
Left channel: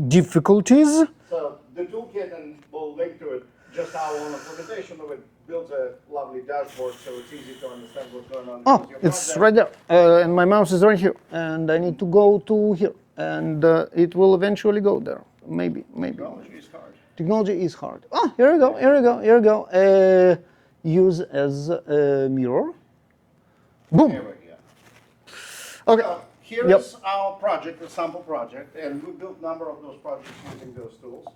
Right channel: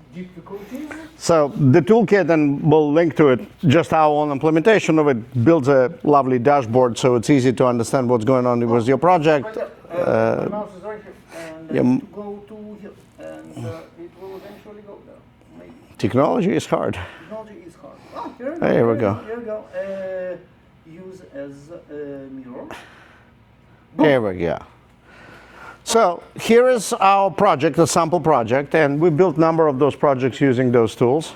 difficulties. So the toolkit, and we'll link to it, just our own implementation of it builds a lovely dashboard so it's easy to understand what's going on with your project. It's right there. My mouse is right here. And I need to go to here. And it will eventually go there. Maybe. Technology is hard. Technology is hard. Oh, here we go. There Here we we go. go. Here we go. Use as a mirror. Boom. There we go. So here is our project, the sample project, and we built a number of those projects using those tools.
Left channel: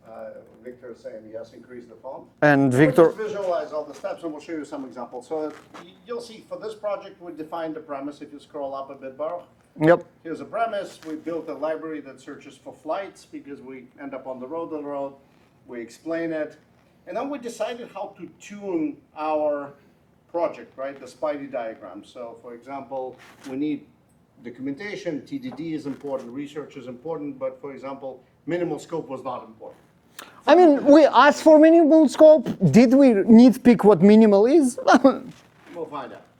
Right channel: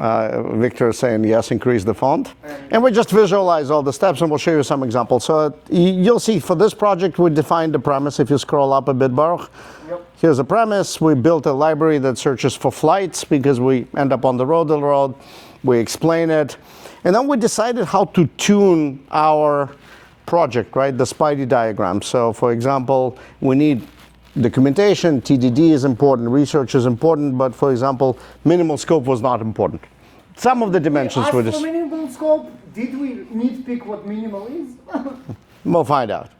Victor is saying, yes, increase the font. And we Victor- just visualize all the steps, and we'll show you some examples. So you'll see for this project, we defined the premise. If you scroll up a bit, Baruch. Yep. Here's the premise. We built a library that searches for flights because we end up on the road. We explain it. And then we decided how to tune our project, right? The Spidey diagram. So for example, we need documentation, TDD is important, research is important, but for example, minimal scope was not important. Some of the dimensions we asked were for just, minimal scope. Did we nitpick what minimal is? we'll find out.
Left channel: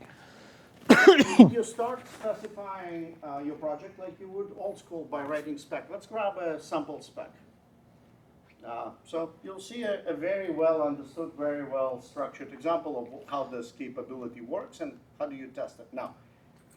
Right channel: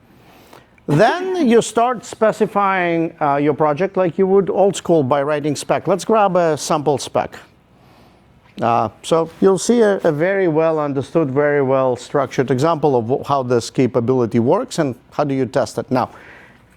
Then you start specifying your project like you would old school by writing spec. Let's grab a sample spec. So you'll see a very well understood, very well structured example of how this capability works and how do you test it. Now,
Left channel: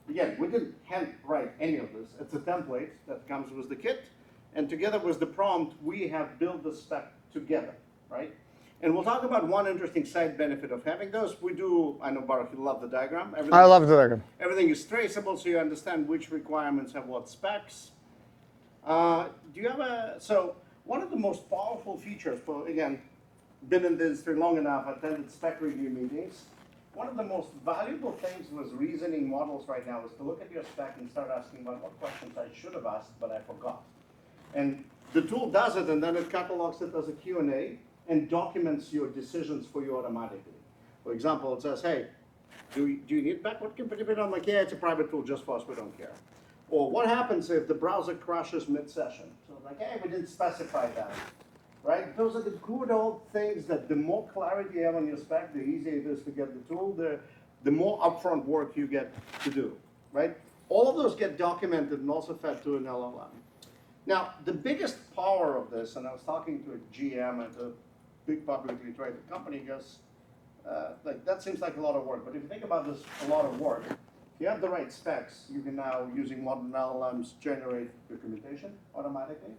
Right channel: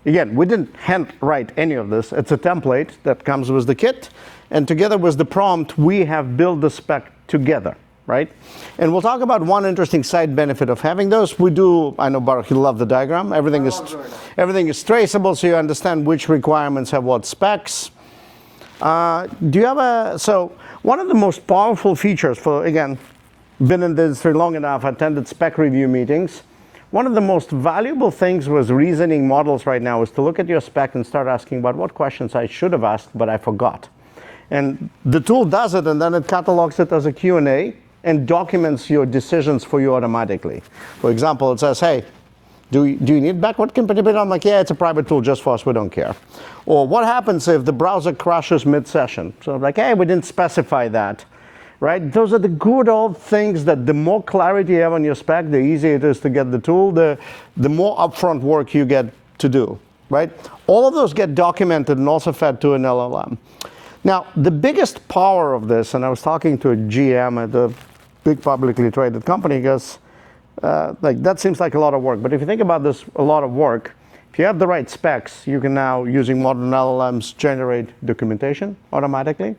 again, we didn't hand write any of this. It's a template that comes with the kit, and together with the prompt, we have built the spec together, right? And we'll talk about one interesting side benefit of having those. We do, I know Baruch, you love the diagram. I love the diagram. Everything is traceable, so you understand which requirements have what specs. Do you have so one of the most powerful features for, again, been in the industry long enough, attended spec review meetings. One of the most valuable things with reasoning models right now is to look at your spec and start asking about what questions I should have asked, but I forgot. And the tool does it, and then it catalogs it as a Q&A and documents your decisions for you automatically. For example, it says, hey, do you need backward compatibility? I'm like, yeah, it's a private tool just for us, we don't care. Or what happens if the browser crashes mid-session? So I'm like, hey, we didn't specify that. right? Those are the good old things that the more clarity you have on your spec, the easier it is to get the tool, the more upfront work you get to do, right? All of those get documented and also fed to an LLM. Now, the biggest power of this, and I was talking to a GM at a big publicly traded company, because like that seems like a lot of work. But if you think about this, a lot of work, if you have the right specs, you can now, using modern LLMs, generate documentation automatically.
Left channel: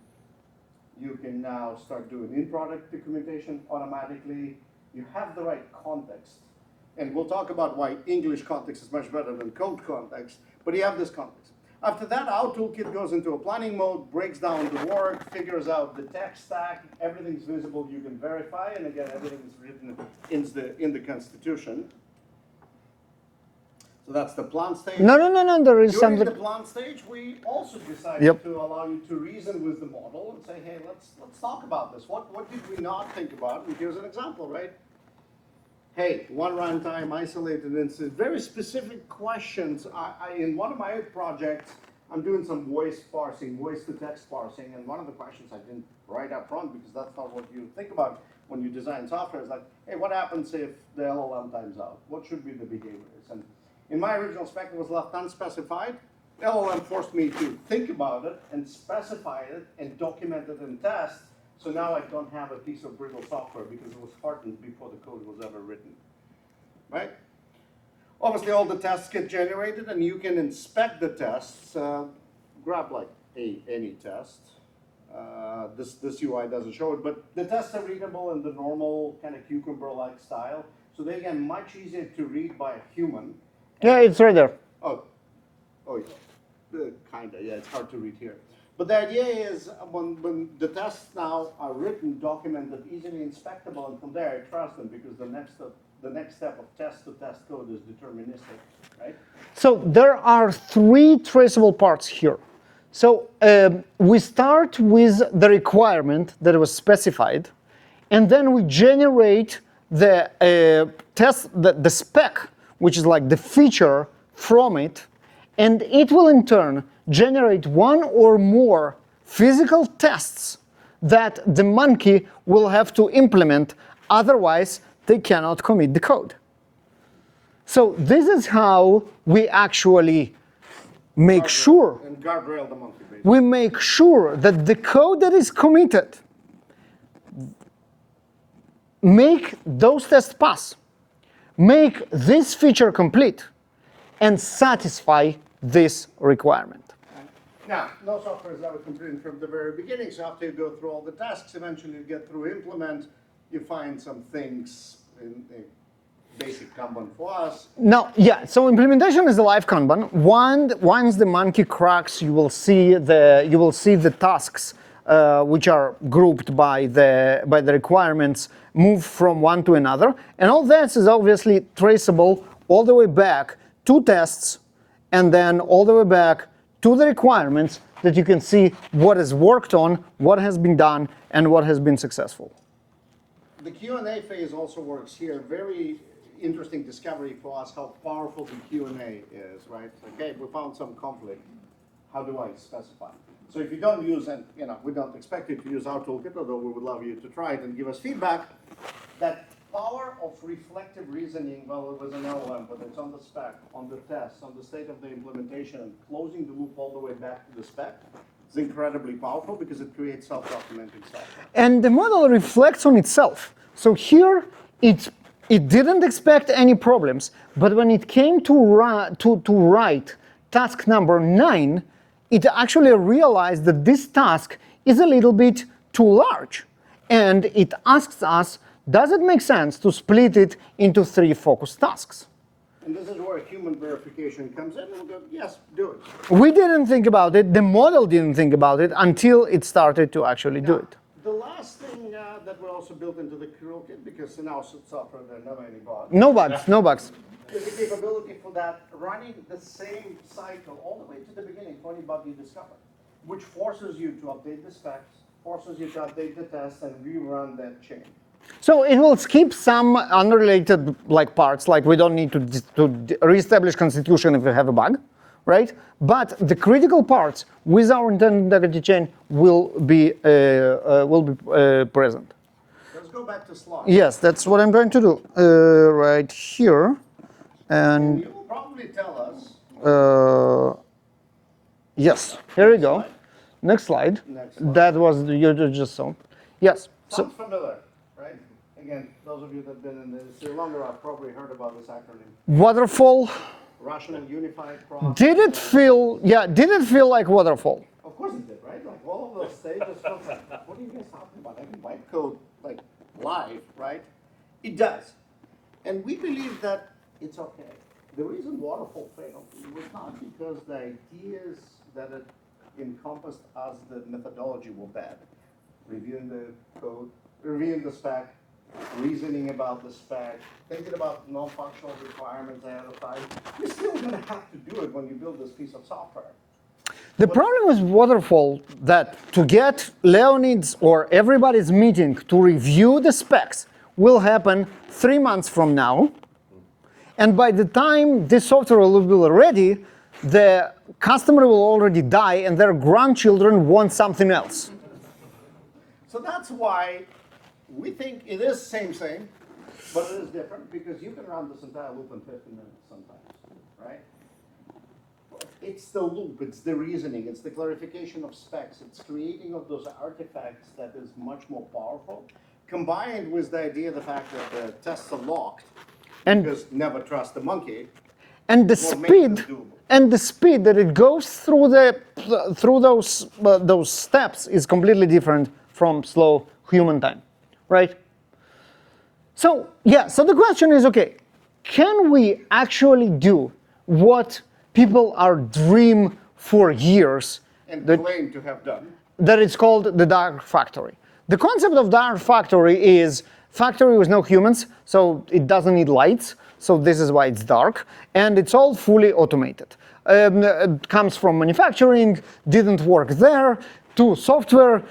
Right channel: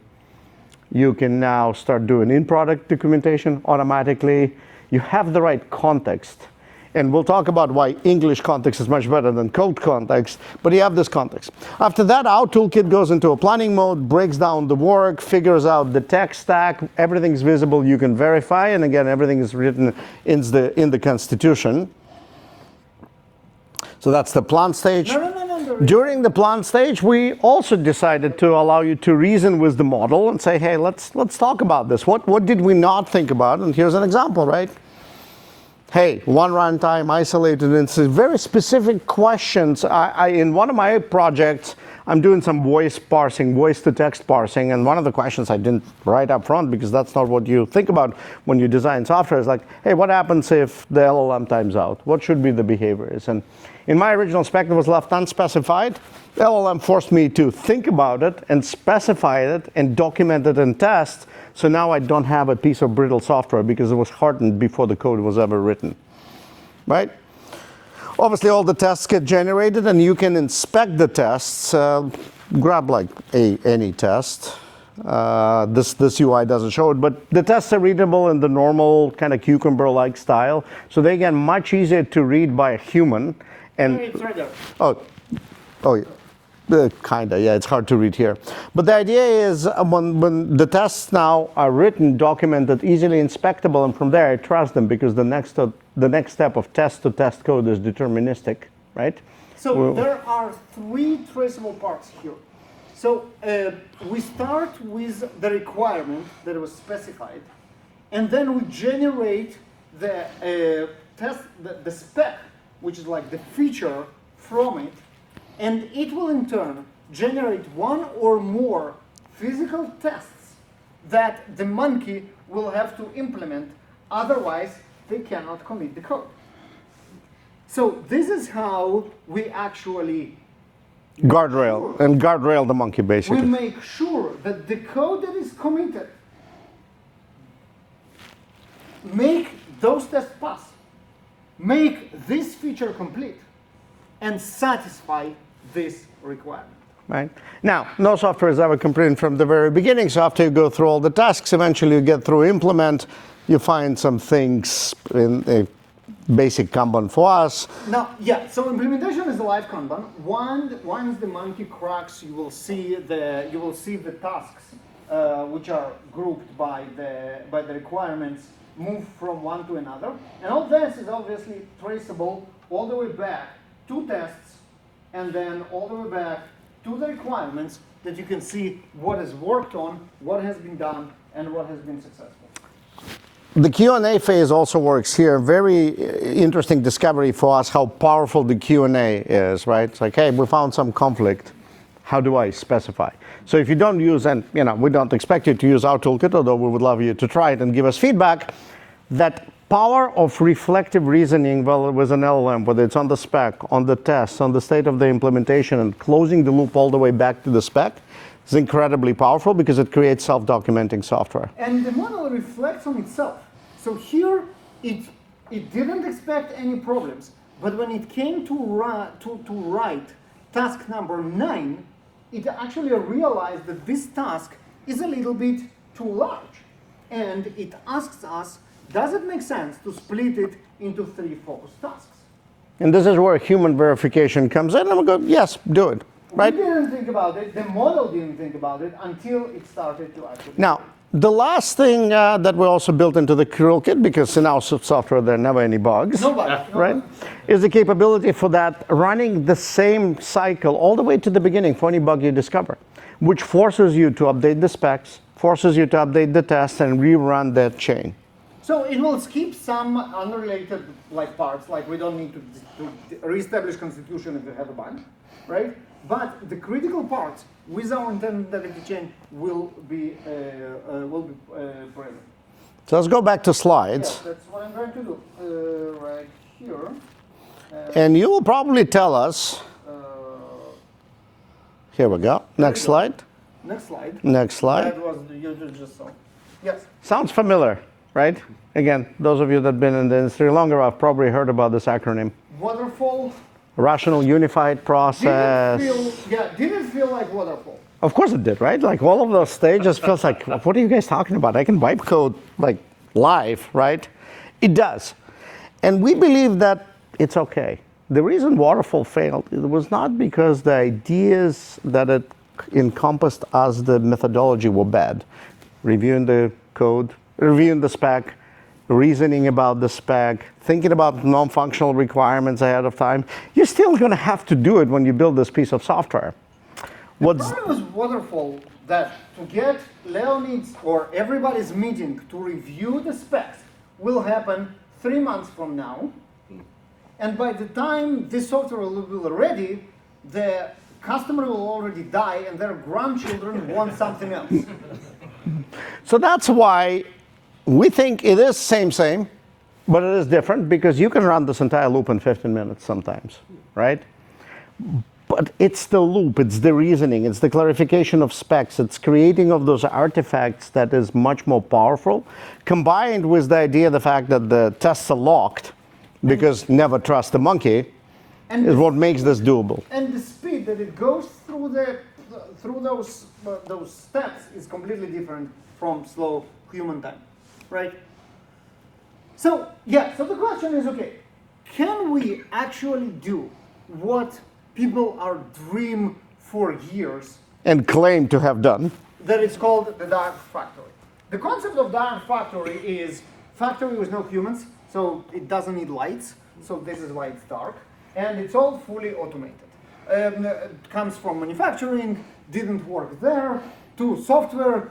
You can now start doing in-product documentation automatically. You have the right context. And we'll talk about why English context is much better than code context, but you have this context. After that, our toolkit goes into a planning mode, breaks down the work, figures out the tech stack, everything's visible, you can verify, and again, everything is written in the Constitution. So that's the plan stage. No. During the plan stage, we also decided to allow you to reason with the model and say, hey, let's talk about this. What did we not think about? And here's an example, right? Hey, one runtime, isolated instance, very specific questions. In one of my projects, I'm doing some voice parsing, voice-to-text parsing, and one of the questions I didn't write up front because that's not what you think about when you design software is like, hey, what happens if the LLM times out? What should be the behaviors? And in my original spec that was left unspecified, the LLM forced me to think about it and specify it and document it and test. So now I don't have a piece of brittle software because it was hardened before the code was ever written, right? Obviously, all the tests get generated, and you can inspect the tests. Grab like any test. This UI doesn't show it, but the tests are readable in the normal kind of cucumber-like style, so they get much easier to read by a human. And Yeah, it's right there. Oh, yeah. Kinda, yeah, it's hard to read here. But the idea is when the tests now are written, documented, easily inspectable, and from there I trust them because the next step of test-to-test code is deterministic, right? So there are three traceable parts here. So we start with the requirement that was specified, and then we generate the the spec, which is like the feature from it. And it will in turn generate one or more physical tests that the monkey will have to implement, otherwise they cannot commit the code. So this is how we actually make sure and guardrail the monkey, basically. we make sure that the code that is committed make those tests pass, make this feature complete, and satisfy this requirement. Right. Now, no software is ever complete from the very beginning, so after you go through all the tasks, eventually you get through implement, you find some things in a basic Kanban for us. Now, yeah, so implementation is a live Kanban. Once the monkey cracks, you will see the tasks which are grouped by the requirements move from one to another, and all this is obviously traceable all the way back to tests, and then all the way back to the requirements that you can see what is worked on, what has been done, and what has been successful. The Q&A phase also works here. Very interesting discovery for us how powerful the Q&A is, right? It's like, hey, we found some conflict. How do I specify? So if you don't use, and we don't expect you to use our toolkit, although we would love you to try it and give us feedback, that power of reflective reasoning, well, with an LLM, whether it's on the spec, on the tests, on the state of the implementation, and closing the loop all the way back to the spec, is incredibly powerful because it creates self-documenting software. And the model reflects on itself. So here, it didn't expect any problems, but when it came to write task number 9, it actually realized that this task is a little bit too large. And it asks us, does it make sense to split it into 3 focused tasks? And this is where human verification comes in, and we go, yes, do it. We didn't think about it, the model didn't think about it until it started to actually do it. The last thing that we also built into the toolkit, because in our software there are never any bugs. No bugs, no bugs. Is the capability for that running the same cycle all the way to the beginning for any bug you discover, which forces you to update the specs, forces you to update the tests, and rerun that chain. So it will skip some unrelated parts, like we don't need to reestablish constitution if we have a bug, right? But the critical parts with our intended integrity chain will be present. So let's go back to slides. Yes, that's what I'm going to do right here. And you will probably tell us. Here Yes, we go. here Next we go. slide. Next slide. Next slide. That was you just saw. Yes. Sounds familiar, right? Again, those of you that have been in the industry longer have probably heard about this acronym. Waterfall. Rational Unified Process. Did it feel like waterfall? Of course it did, right? Like all of those stages feels like, what are you guys talking about? I can wipe code like live, right? It does. And we believe that it's okay. The reason waterfall failed, it was not because the ideas that it encompassed as the methodology were bad. Reviewing the code, reviewing the spec, reasoning about the spec, thinking about non-functional requirements ahead of time. You're still going to have to do it when you build this piece of software. The problem with waterfall that to get Leonid's or everybody's meeting to review the specs will happen 3 months from now. And by the time this software will be ready, the customer will already die and their grandchildren want something else. So that's why we think it is same, but it is different because you can run this entire loop in 15 minutes sometimes, right? But it's the loop, it's the reasoning, it's the clarification of specs, it's creating of those artifacts that is much more powerful, combined with the idea, the fact that the tests are locked, because never trust the monkey, is what makes this doable. And the speed that it goes through those steps is completely different from slow human time, right? So the question is, okay, can we actually do what people are dream for years And claim to have done. that it's called the dark factory? The concept of dark factory is factory with no humans, so it doesn't need lights, so this is why it's dark, and it's all fully automated. It comes from manufacturing, didn't work there, to software,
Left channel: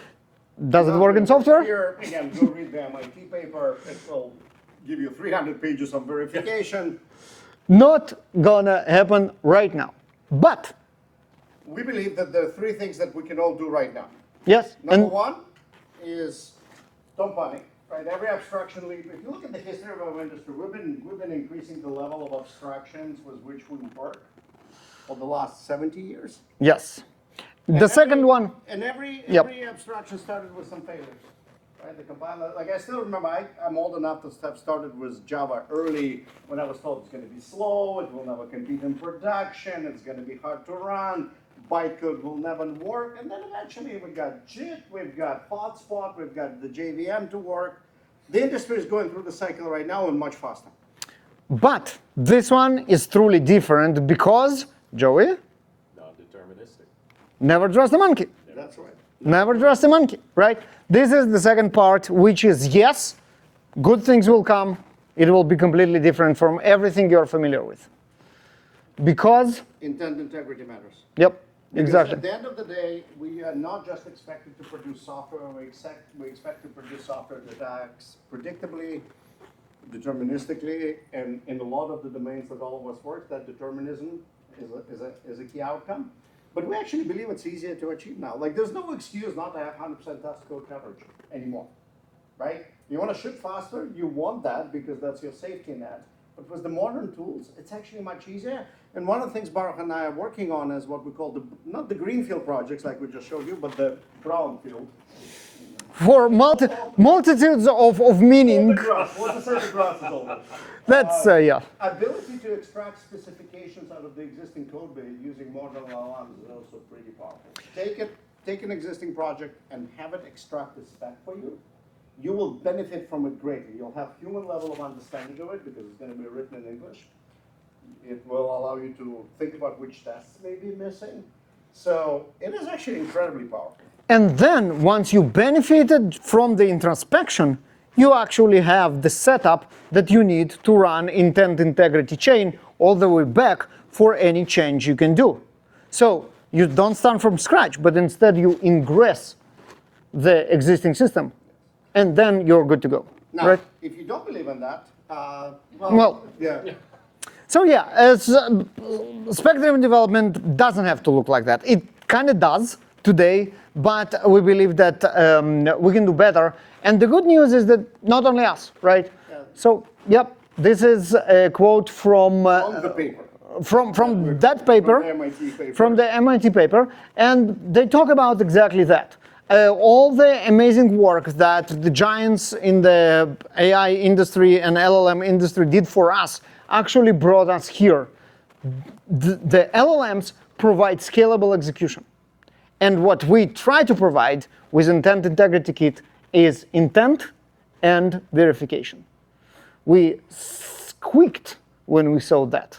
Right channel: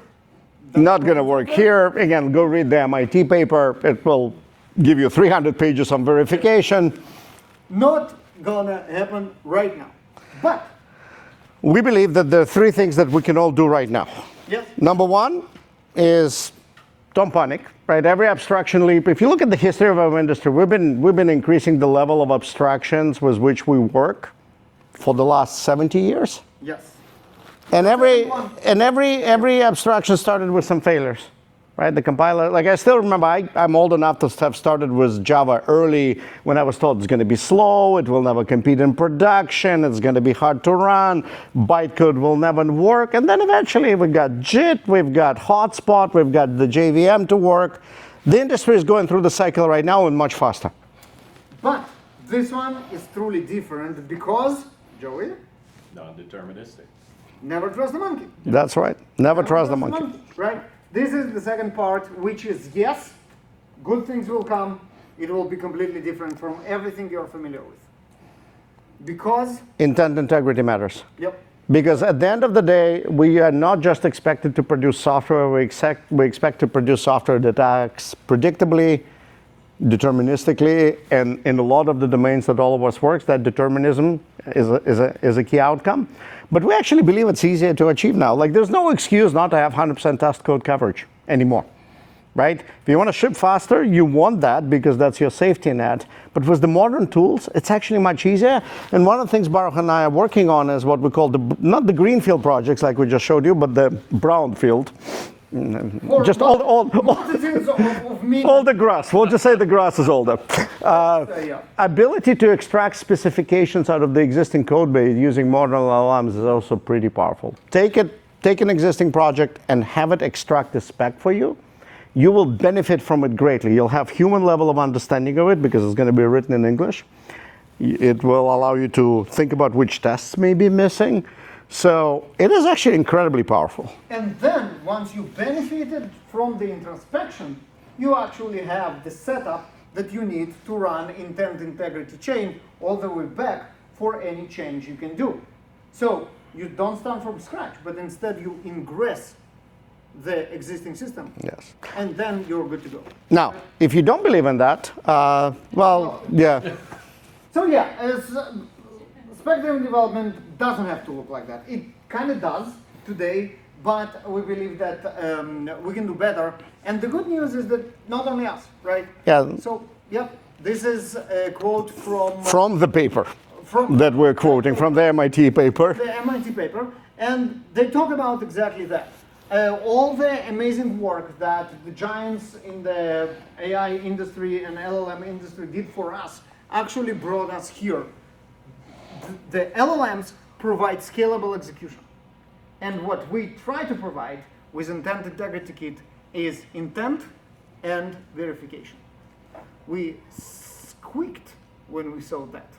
doesn't Not work going to in work software. here. Again, go read the MIT paper. It will give you 300 pages on verification. Not gonna happen right now. But, We believe that there are 3 things that we can all do right now. yes. Number and- one is don't panic, right? Every abstraction leap, if you look at the history of our industry, we've been increasing the level of abstractions with which we work for the last 70 years. Yes. And The second one, And every abstraction started with some failures, right? The compiler, like I still remember, I'm old enough to have started with Java early when I was told it's going to be slow, it will never compete in production, it's going to be hard to run, bytecode will never work. And then eventually we've got JIT, we've got Hotspot, we've got the JVM to work. The industry is going through the cycle right now and much faster. but this one is truly different because, Joey, Non-deterministic. never trust the monkey. That's right. Never trust the monkey. monkey, right? This is the second part, which is yes, good things will come. It will be completely different from everything you're familiar with. Because, Intent integrity matters. yep. Because exactly. at the end of the day, we are not just expected to produce software, we expect to produce software that acts predictably, deterministically, and in a lot of the domains that all of us works, that determinism is a key outcome. But we actually believe it's easier to achieve now. Like there's no excuse not to have 100% test code coverage anymore, right? If you want to ship faster, you want that because that's your safety net. But with the modern tools, it's actually much easier. And one of the things Baruch and I are working on is what we call not the greenfield projects like we just showed you, but the brownfield. For Just multitudes of meaning. All the grass. We'll just say the grass is older. That's, yeah. Ability to extract specifications out of the existing code base using modern LLMs is also pretty powerful. Take an existing project and have it extract the spec for you. You will benefit from it greatly. You'll have human level of understanding of it because it's going to be written in English. It will allow you to think about which tests may be missing. So it is actually incredibly powerful. And then once you benefited from the introspection, you actually have the setup that you need to run intent integrity chain all the way back for any change you can do. So you don't start from scratch, but instead you ingress the existing system. Yes. And then you're good to go. Now, right? if you don't believe in that, Well, yeah. So yeah, spectrum development doesn't have to look like that. It kind of does today, but we believe that we can do better. And the good news is that not only us, right? Yeah. So, yep, this is a quote from the paper from that we're quoting, paper, from the MIT paper. From the MIT paper, and they talk about exactly that. All the amazing work that the giants in the AI industry and LLM industry did for us actually brought us here. The LLMs provide scalable execution. And what we try to provide with Intent Integrity Kit is intent and verification. We squeaked when we saw that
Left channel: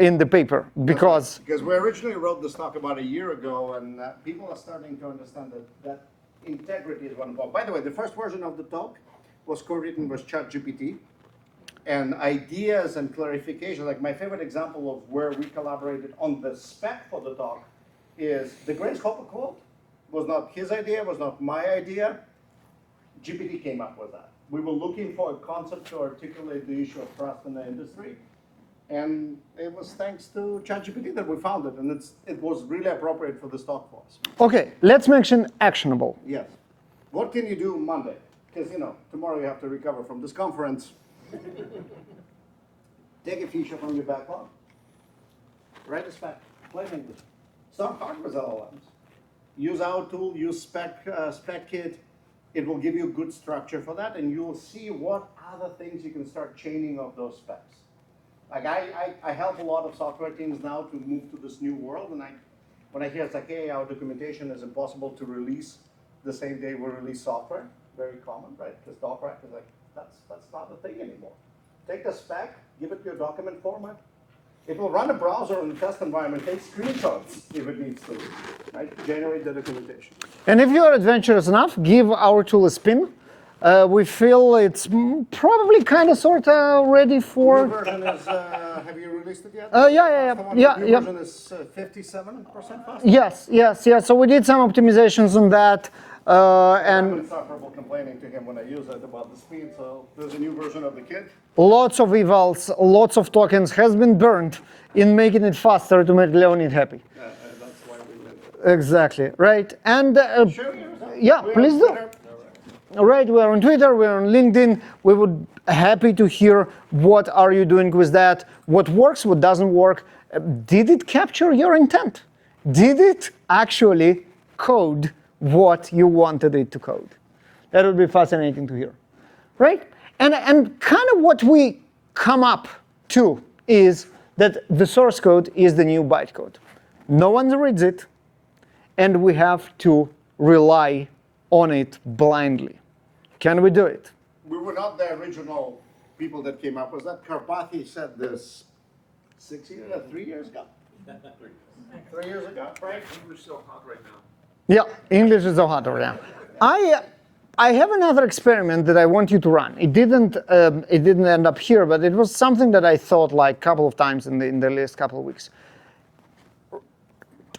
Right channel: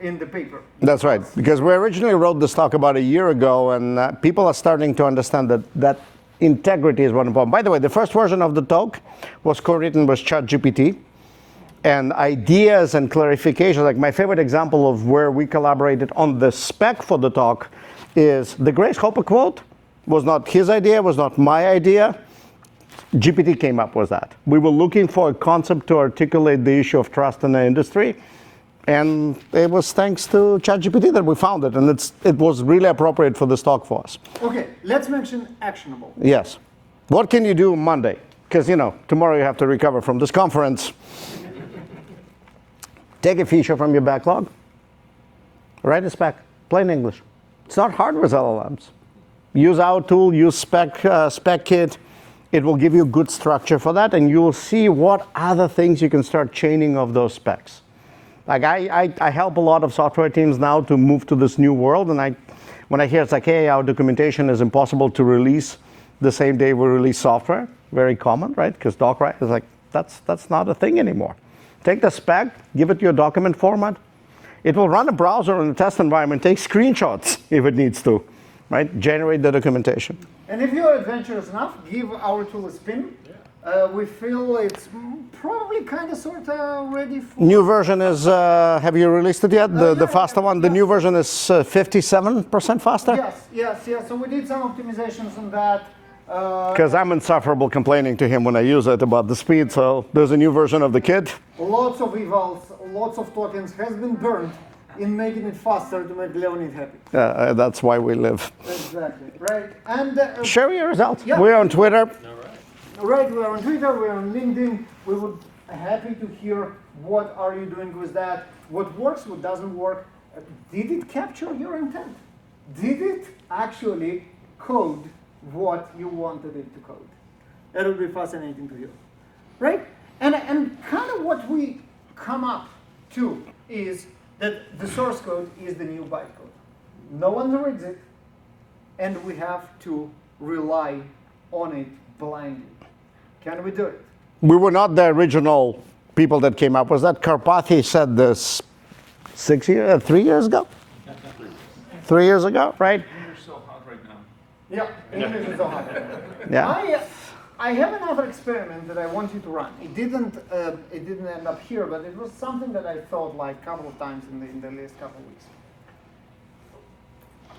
in the paper. That's right, because we originally wrote this talk about a year ago, and people are starting to understand that integrity is one important. By the way, the first version of the talk was co-written with ChatGPT, and ideas and clarification, like my favorite example of where we collaborated on the spec for the talk is the Grace Hopper quote was not his idea, was not my idea. GPT came up with that. We were looking for a concept to articulate the issue of trust in the industry, and it was thanks to ChatGPT that we found it, and it was really appropriate for this talk for us. Okay, let's mention actionable. Yes. What can you do Monday? Because, tomorrow you have to recover from this conference. Take a feature from your backlog, write a spec, plain English. It's not hard with LLMs. Use our tool, use spec kit. It will give you good structure for that, and you will see what other things you can start chaining of those specs. Like I help a lot of software teams now to move to this new world, and when I hear it's like, hey, our documentation is impossible to release the same day we release software, very common, right? Because DocWrite is like, that's not a thing anymore. Take the spec, give it your document format. It will run a browser in a test environment, take screenshots if it needs to, right? Generate the documentation. And if you're adventurous enough, give our tool a spin. We feel it's probably kind of sort of ready for... New version is, have you released it yet? The faster one? Yeah, the new version is 57% faster? Yes. So we did some optimizations on that. Because I'm insufferable complaining to him when I use it about the speed, so there's a new version of the kit. Lots of evals, lots of tokens has been burned in making it faster to make Leonid happy. That's why we live. Exactly, right? And share your results. Yeah, we're on Twitter. Right, we're on Twitter, we're on LinkedIn. We would happy to hear what are you doing with that, what works, what doesn't work. Did it capture your intent? Did it actually code what you wanted it to code? That would be fascinating to hear, right? And kind of what we come up to is that the source code is the new bytecode. No one reads it, and we have to rely on it blindly. Can we do it? We were not the original people that came up with that. Karpathy said this 3 years ago? 3 years ago, right? English so hot right now. Yeah, English is so hot right now. Yeah. I have another experiment that I want you to run. It didn't end up here, but it was something that I thought like a couple of times in the last couple of weeks.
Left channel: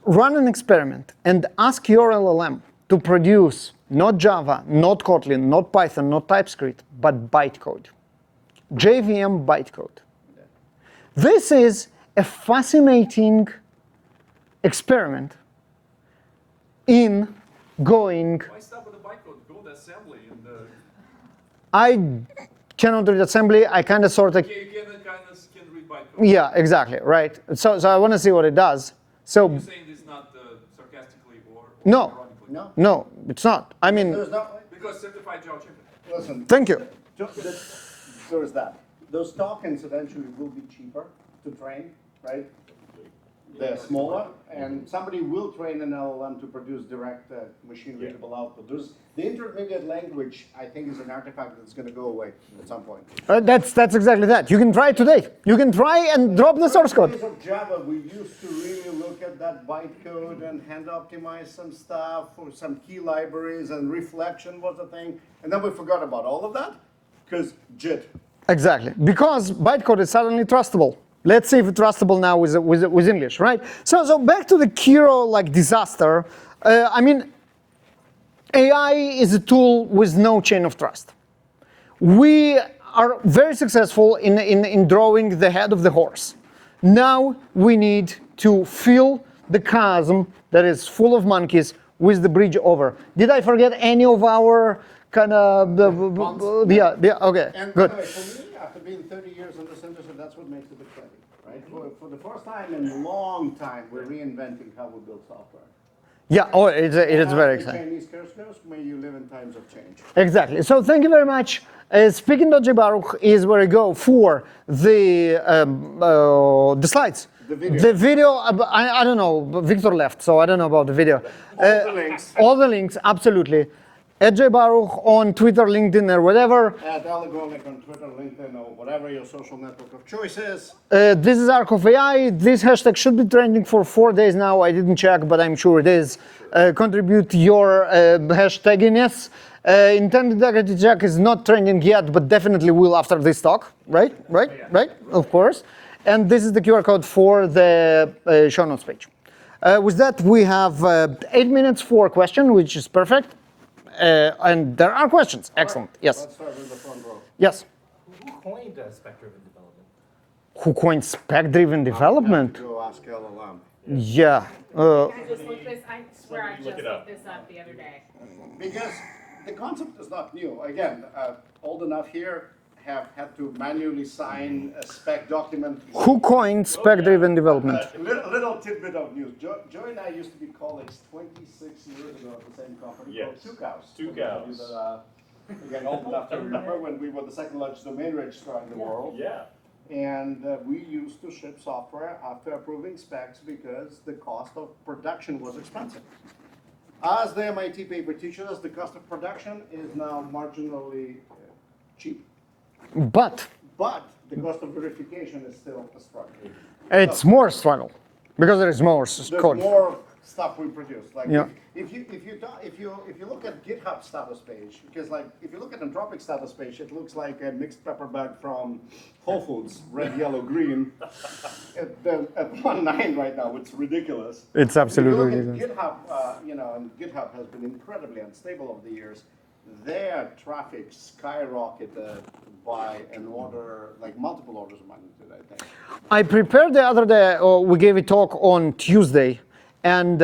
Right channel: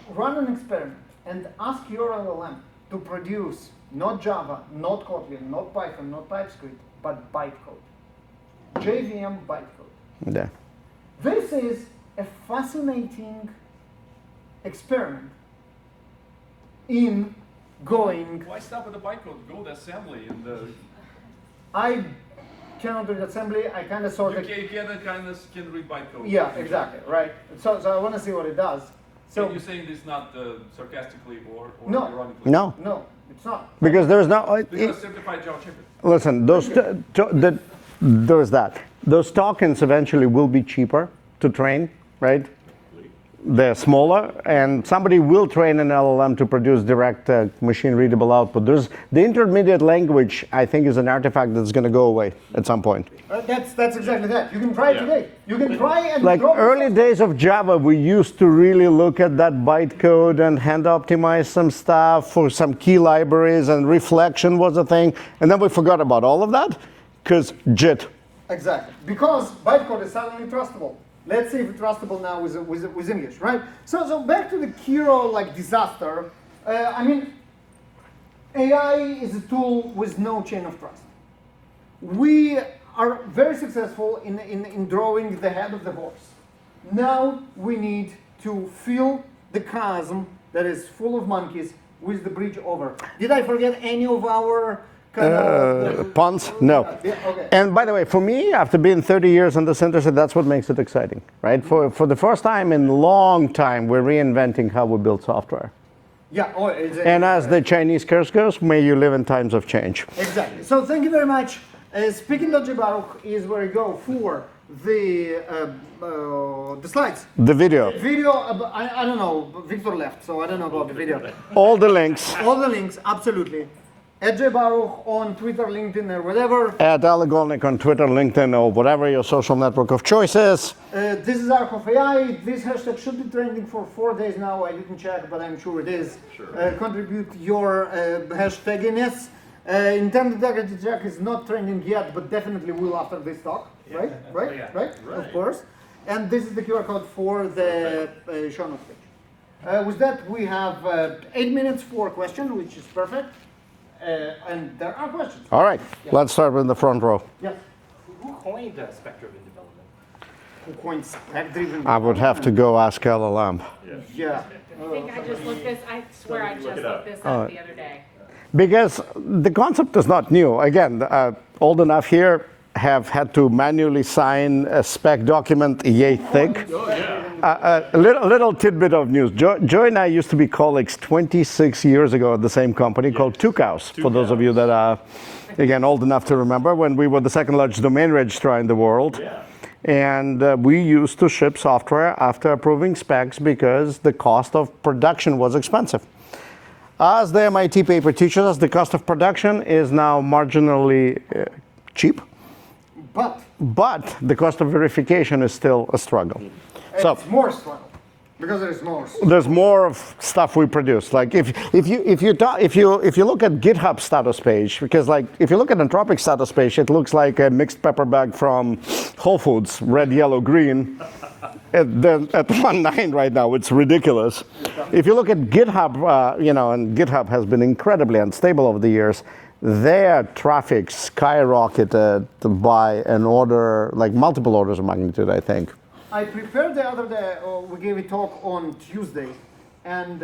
Run an experiment and ask your LLM to produce not Java, not Kotlin, not Python, not TypeScript, but bytecode. JVM bytecode. Yeah. This is a fascinating experiment in going... Why stop at the bytecode? Go to assembly and I cannot read assembly. I kind of sort of... you can read bytecode. Yeah, exactly, right. So I want to see what it does. So You're saying this not sarcastically or No. ironically? no, it's not. Because there's no... Because simplified Java checker. Listen, Thank there's that. Those tokens eventually will be cheaper to train, right? They're smaller, and somebody will train an LLM to produce direct machine-readable output. There's the intermediate language, I think, is an artifact that's going to go away at some point. That's exactly that. You can try it today. You can try and Like drop the early source code. days of Java, we used to really look at that bytecode and hand optimize some stuff for some key libraries, and reflection was a thing. And then we forgot about all of that because JIT. Exactly, because bytecode is suddenly trustable. Let's see if it's trustable now with English, right? So back to the Kiro disaster. I mean, AI is a tool with no chain of trust. We are very successful in drawing the head of the horse. Now we need to fill the chasm that is full of monkeys with the bridge over. Did I forget any of our kind of puns? No. Yeah, okay. And by the way, for me, after being 30 years in this industry, that's what makes it exciting, right? For the first time in a long time, we're reinventing how we build software. Yeah, oh, it's And as very the exciting. Chinese curse goes, may you live in times of change. Exactly. So thank you very much. Speaking.j Baruch is where I go for the slides. The video. The video, I don't know, Victor left, so I don't know about the video. All the links. All the links, absolutely. At J Baruch on Twitter, LinkedIn, or whatever. At Aligolnik on Twitter, LinkedIn, or whatever your social network of choice is. This is Arc of AI. This hashtag should be trending for 4 days now. I didn't check, but I'm sure it is. Contribute your hashtaginess. Intended integrity check is not trending yet, but definitely will after this talk. Right? Right? Of course. And this is the QR code for the show notes page. With that, we have 8 minutes for a question, which is perfect. And there are questions. All Excellent. right. Yes. Let's start with the front row. Yes. Who coined spec-driven development? Who coined spec-driven I development? would have to go ask LLM. Yeah. I just looked this. I swear I just looked this up the other day. Because the concept is not new. Again, old enough here have had to manually sign a spec document. Who coined spec-driven development? A little tidbit of news. Joy and I used to be colleagues 26 years ago at the same company called Two Cows. For those of you that are, again, old enough to remember, when we were the second largest domain registrar in the world. Yeah. And we used to ship software after approving specs because the cost of production was expensive. As the MIT paper teaches us, the cost of production is now marginally cheap, But but the cost of verification is still a struggle. it's more struggle because there is more. There's code. more of stuff we produce. Like if you look at GitHub status page, because like if you look at Anthropic status page, it looks like a mixed pepper bag from Whole Foods, red, yellow, green. At 1.9 right now, it's ridiculous. It's If you absolutely look at GitHub, and GitHub has been incredibly unstable over the years. Their traffic skyrocketed by an order, like multiple orders of magnitude, I think. I prepared the other day. We gave a talk on Tuesday, and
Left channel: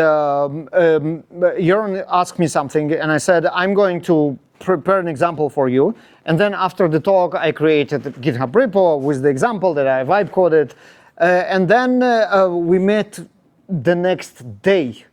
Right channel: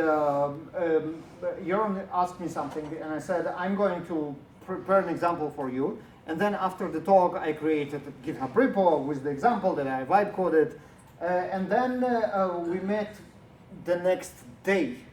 Jeroen asked me something, and I said I'm going to prepare an example for you. And then after the talk, I created a GitHub repo with the example that I vibe coded, and then we met the next day,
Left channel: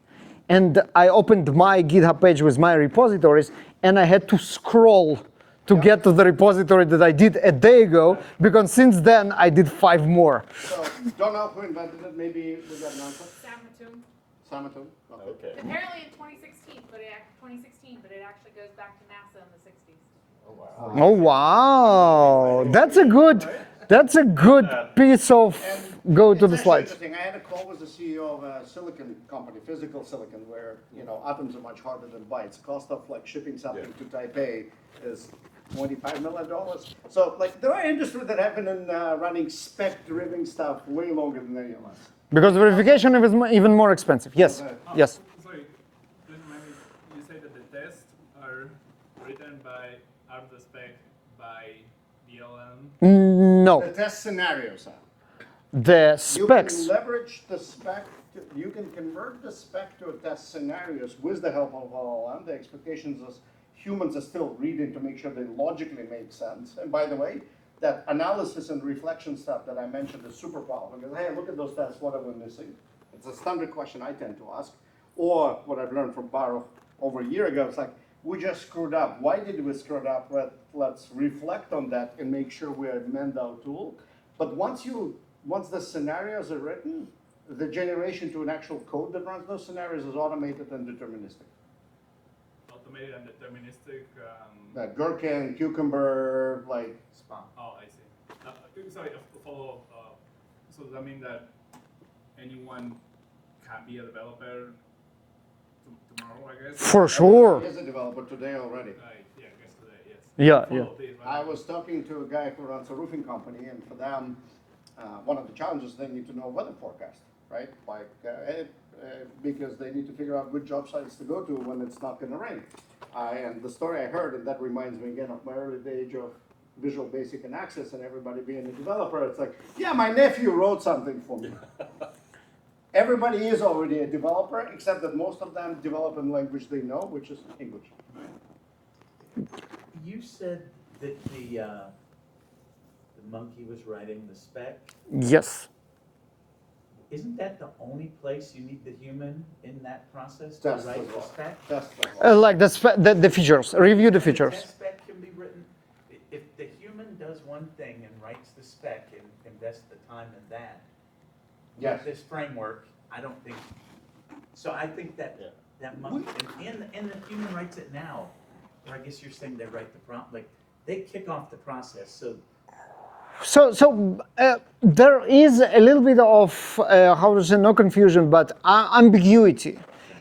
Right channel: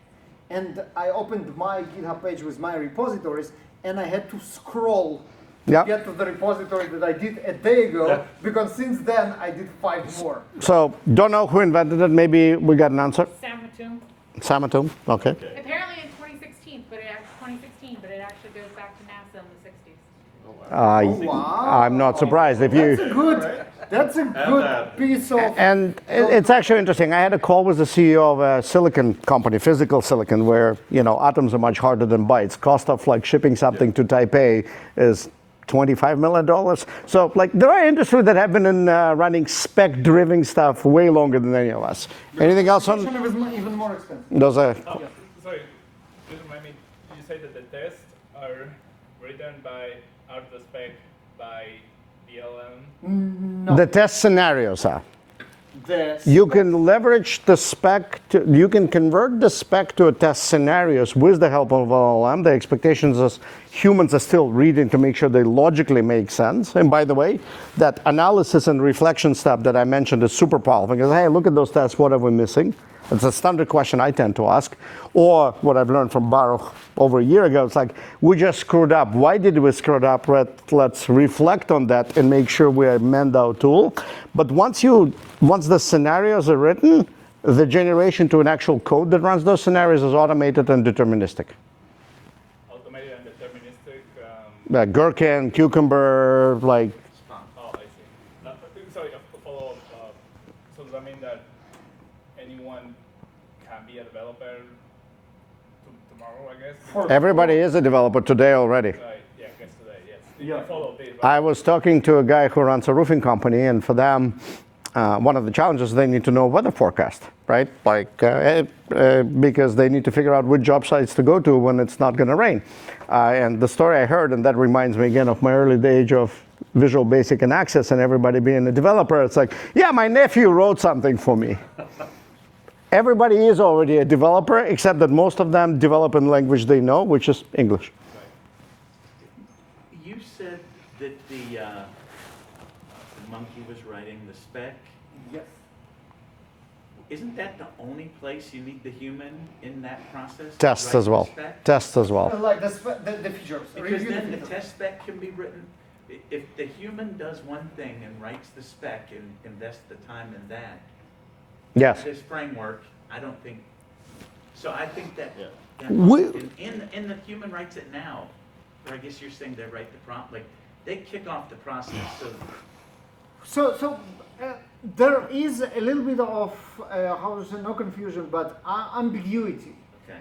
and I opened my GitHub page with my repositories, and I had to scroll to get to the repository that I did a day ago, because since then I did 5 more. So, don't know who invented it. Maybe we got an answer. Sam Hatum. Samatum. Okay. Apparently in 2016, but it actually goes back to NASA in the 60s. Oh wow! I'm not surprised. If That's a good piece of. And go to it's the actually slide. interesting. I had a call with the CEO of a silicon company, physical silicon, where atoms are much harder than bytes. Cost of like shipping something to Taipei is $25 million. So like there are industries that have been in running spec-driven stuff way longer than any of us. Because Anything else verification is even more expensive. Yes. Yes. Sorry, just remind me, you said that the tests are written by out of the spec by BLM? No. The test scenarios are. The You can specs. leverage the spec, you can convert the spec to a test scenarios with the help of LLM. The expectations is humans are still reading to make sure they logically make sense. And by the way, that analysis and reflection step that I mentioned is super powerful. Because, hey, look at those tests, what are we missing? It's a standard question I tend to ask. Or what I've learned from Baruch over a year ago, it's like, we just screwed up. Why did we screw it up? Let's reflect on that and make sure we amend our tool. But once the scenarios are written, the generation to an actual code that runs those scenarios is automated and deterministic. Automated and deterministic. Gherkin, Cucumber, like, Oh, I see. Sorry, a follow-up. So does that mean that anyone can be a developer tomorrow, I guess? For sure. everybody is a developer today already. Right, yeah, I guess today, yes. Yeah, Follow this, right? I was talking to a guy who runs a roofing company, and for them, one of the challenges, they need to know weather forecast, right? Like, because they need to figure out which job sites to go to when it's not going to rain. And the story I heard, and that reminds me again of my early days of Visual Basic and Access and everybody being a developer. It's like, yeah, my nephew wrote something for me. Everybody is already a developer, except that most of them develop in language they know, which is English. You said that the monkey was writing the spec. Yes. Isn't that the only place you need the human in that process? to Tests write as the well. spec? Tests as well. Like the features, review the Because then features. test spec can be written. If the human does one thing and writes the spec and invests the time in that, Yes. this framework, I don't think, so I think that, We- and the human writes it now, or I guess you're saying they write the prompt, like, they kick off the process, so So there is a little bit of, how to say, no confusion, but ambiguity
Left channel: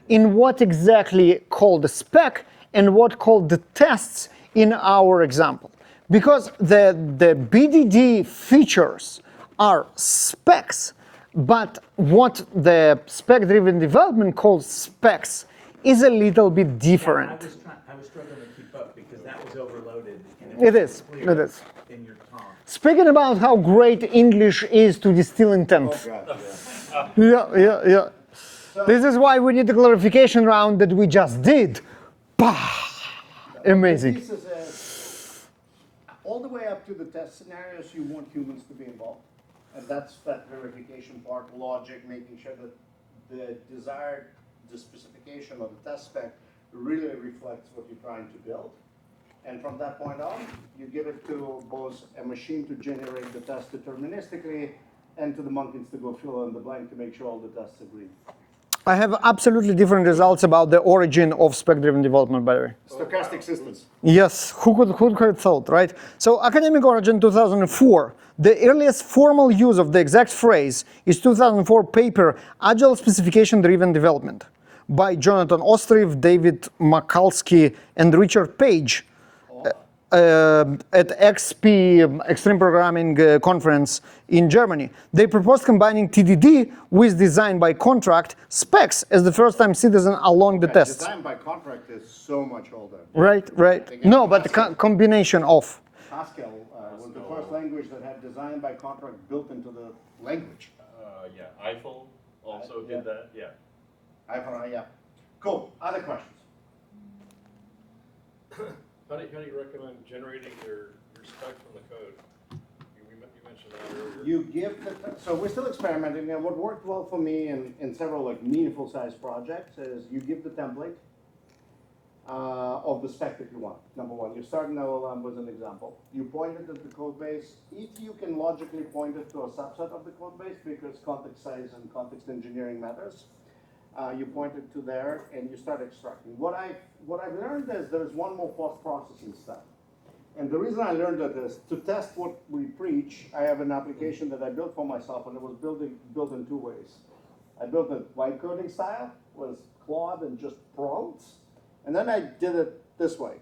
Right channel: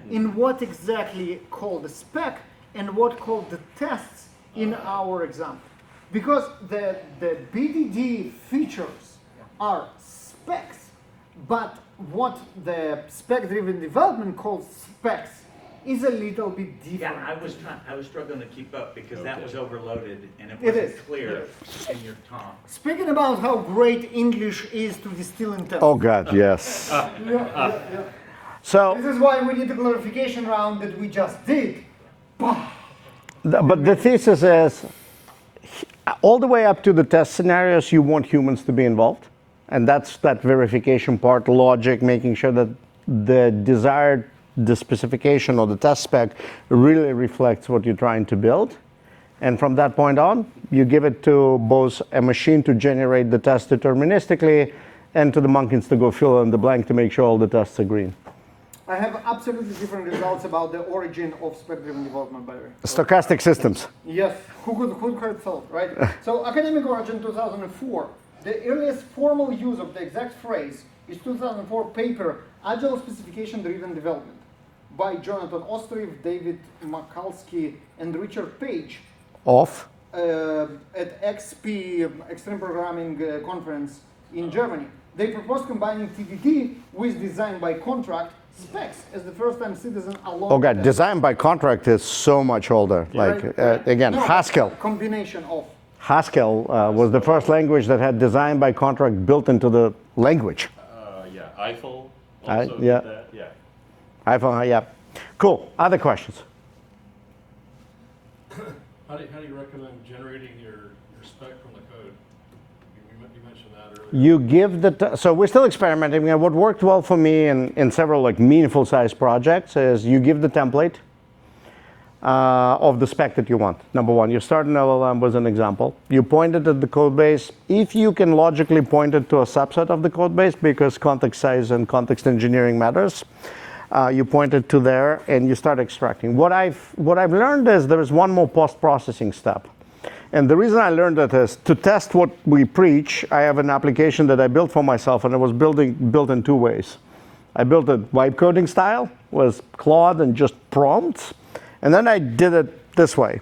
in what exactly called the spec and what called the tests in our example. Because the BDD features are specs, but what the spec-driven development calls specs is a little bit different. yeah, I was struggling to keep up because that was overloaded and it It wasn't is, clear it is. in your talk. Speaking about how great English is to distill intent. Oh, God, yes. Yeah. So, This is why we need the clarification round that we just did. but the amazing. thesis is, all the way up to the test scenarios, you want humans to be involved. And that's that verification part, logic, making sure that the specification or the test spec really reflects what you're trying to build. And from that point on, you give it to both a machine to generate the test deterministically and to the monkeys to go fill in the blank to make sure all the tests are green. I have absolutely different results about the origin of spec-driven development, by the way. Stochastic systems. Yes, who could have thought, right? So, academic origin 2004. The earliest formal use of the exact phrase is 2004 paper, Agile Specification-Driven Development, by Jonathan Ostrov, David Makalski, and Richard Page at XP, Extreme Programming Conference in Germany. They proposed combining TDD with design by contract specs as the first-time citizen along Oh, the God, test. design by contract is so much older. Right. Again, No, but Haskell. combination of. Haskell was the first language that had design by contract built into the language. Yeah, Eiffel also yeah. did that, yeah. iPhone, yeah. Cool. Other questions? How do you recommend generating your spec from the code? You mentioned that earlier. You give so we're still experimenting. And what worked well for me in several like meaningful sized projects is you give the template of the spec that you want. Number one, you start an LLM was an example. You point it at the code base. If you can logically point it to a subset of the code base because context size and context engineering matters, you point it to there and you start extracting. What I've learned is there is one more post-processing step. And the reason I learned that is to test what we preach, I have an application that I built for myself and it was built in two ways. I built it vibe coding style, was Claude and just prompts. And then I did it this way.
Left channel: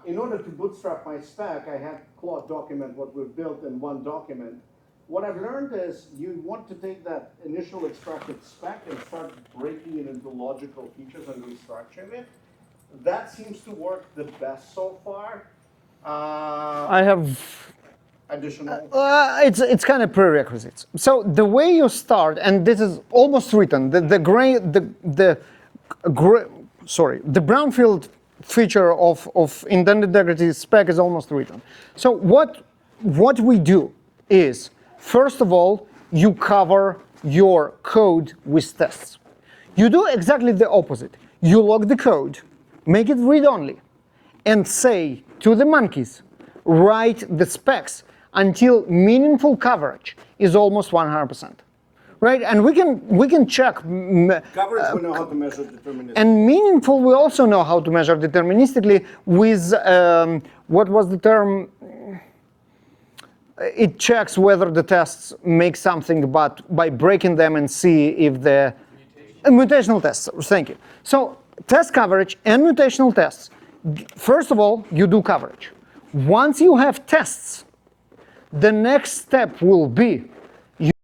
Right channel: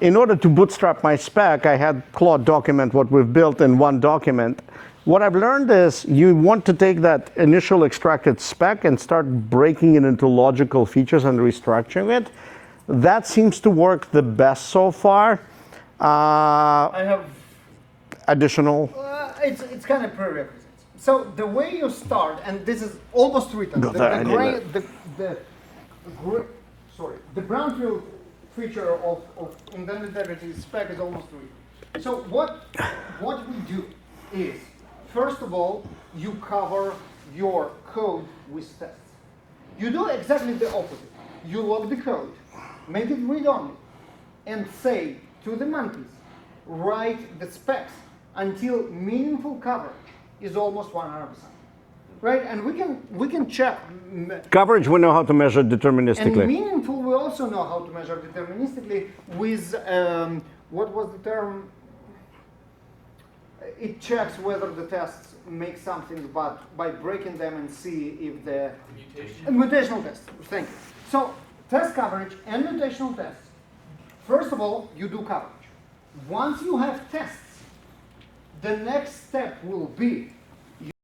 In order to bootstrap my spec, I had Claude document what we've built in one document. What I've learned is you want to take that initial extracted spec and start breaking it into logical features and restructuring it. That seems to work the best so far. I have additional. It's kind of prerequisites. So the way you start, and this is almost written, the brownfield feature of intended integrity spec is almost written. So what we do is, first of all, you cover your code with tests. You do exactly the opposite. You log the code, make it read-only, and say to the monkeys, write the specs until meaningful coverage is almost 100%. Right? And we can check Coverage, we know how to measure deterministically. and meaningful, we also know how to measure deterministically with, what was the term? It checks whether the tests make something, but by breaking them and see if the mutational tests, thank you. So test coverage and mutational tests. First of all, you do coverage. Once you have tests, the next step will be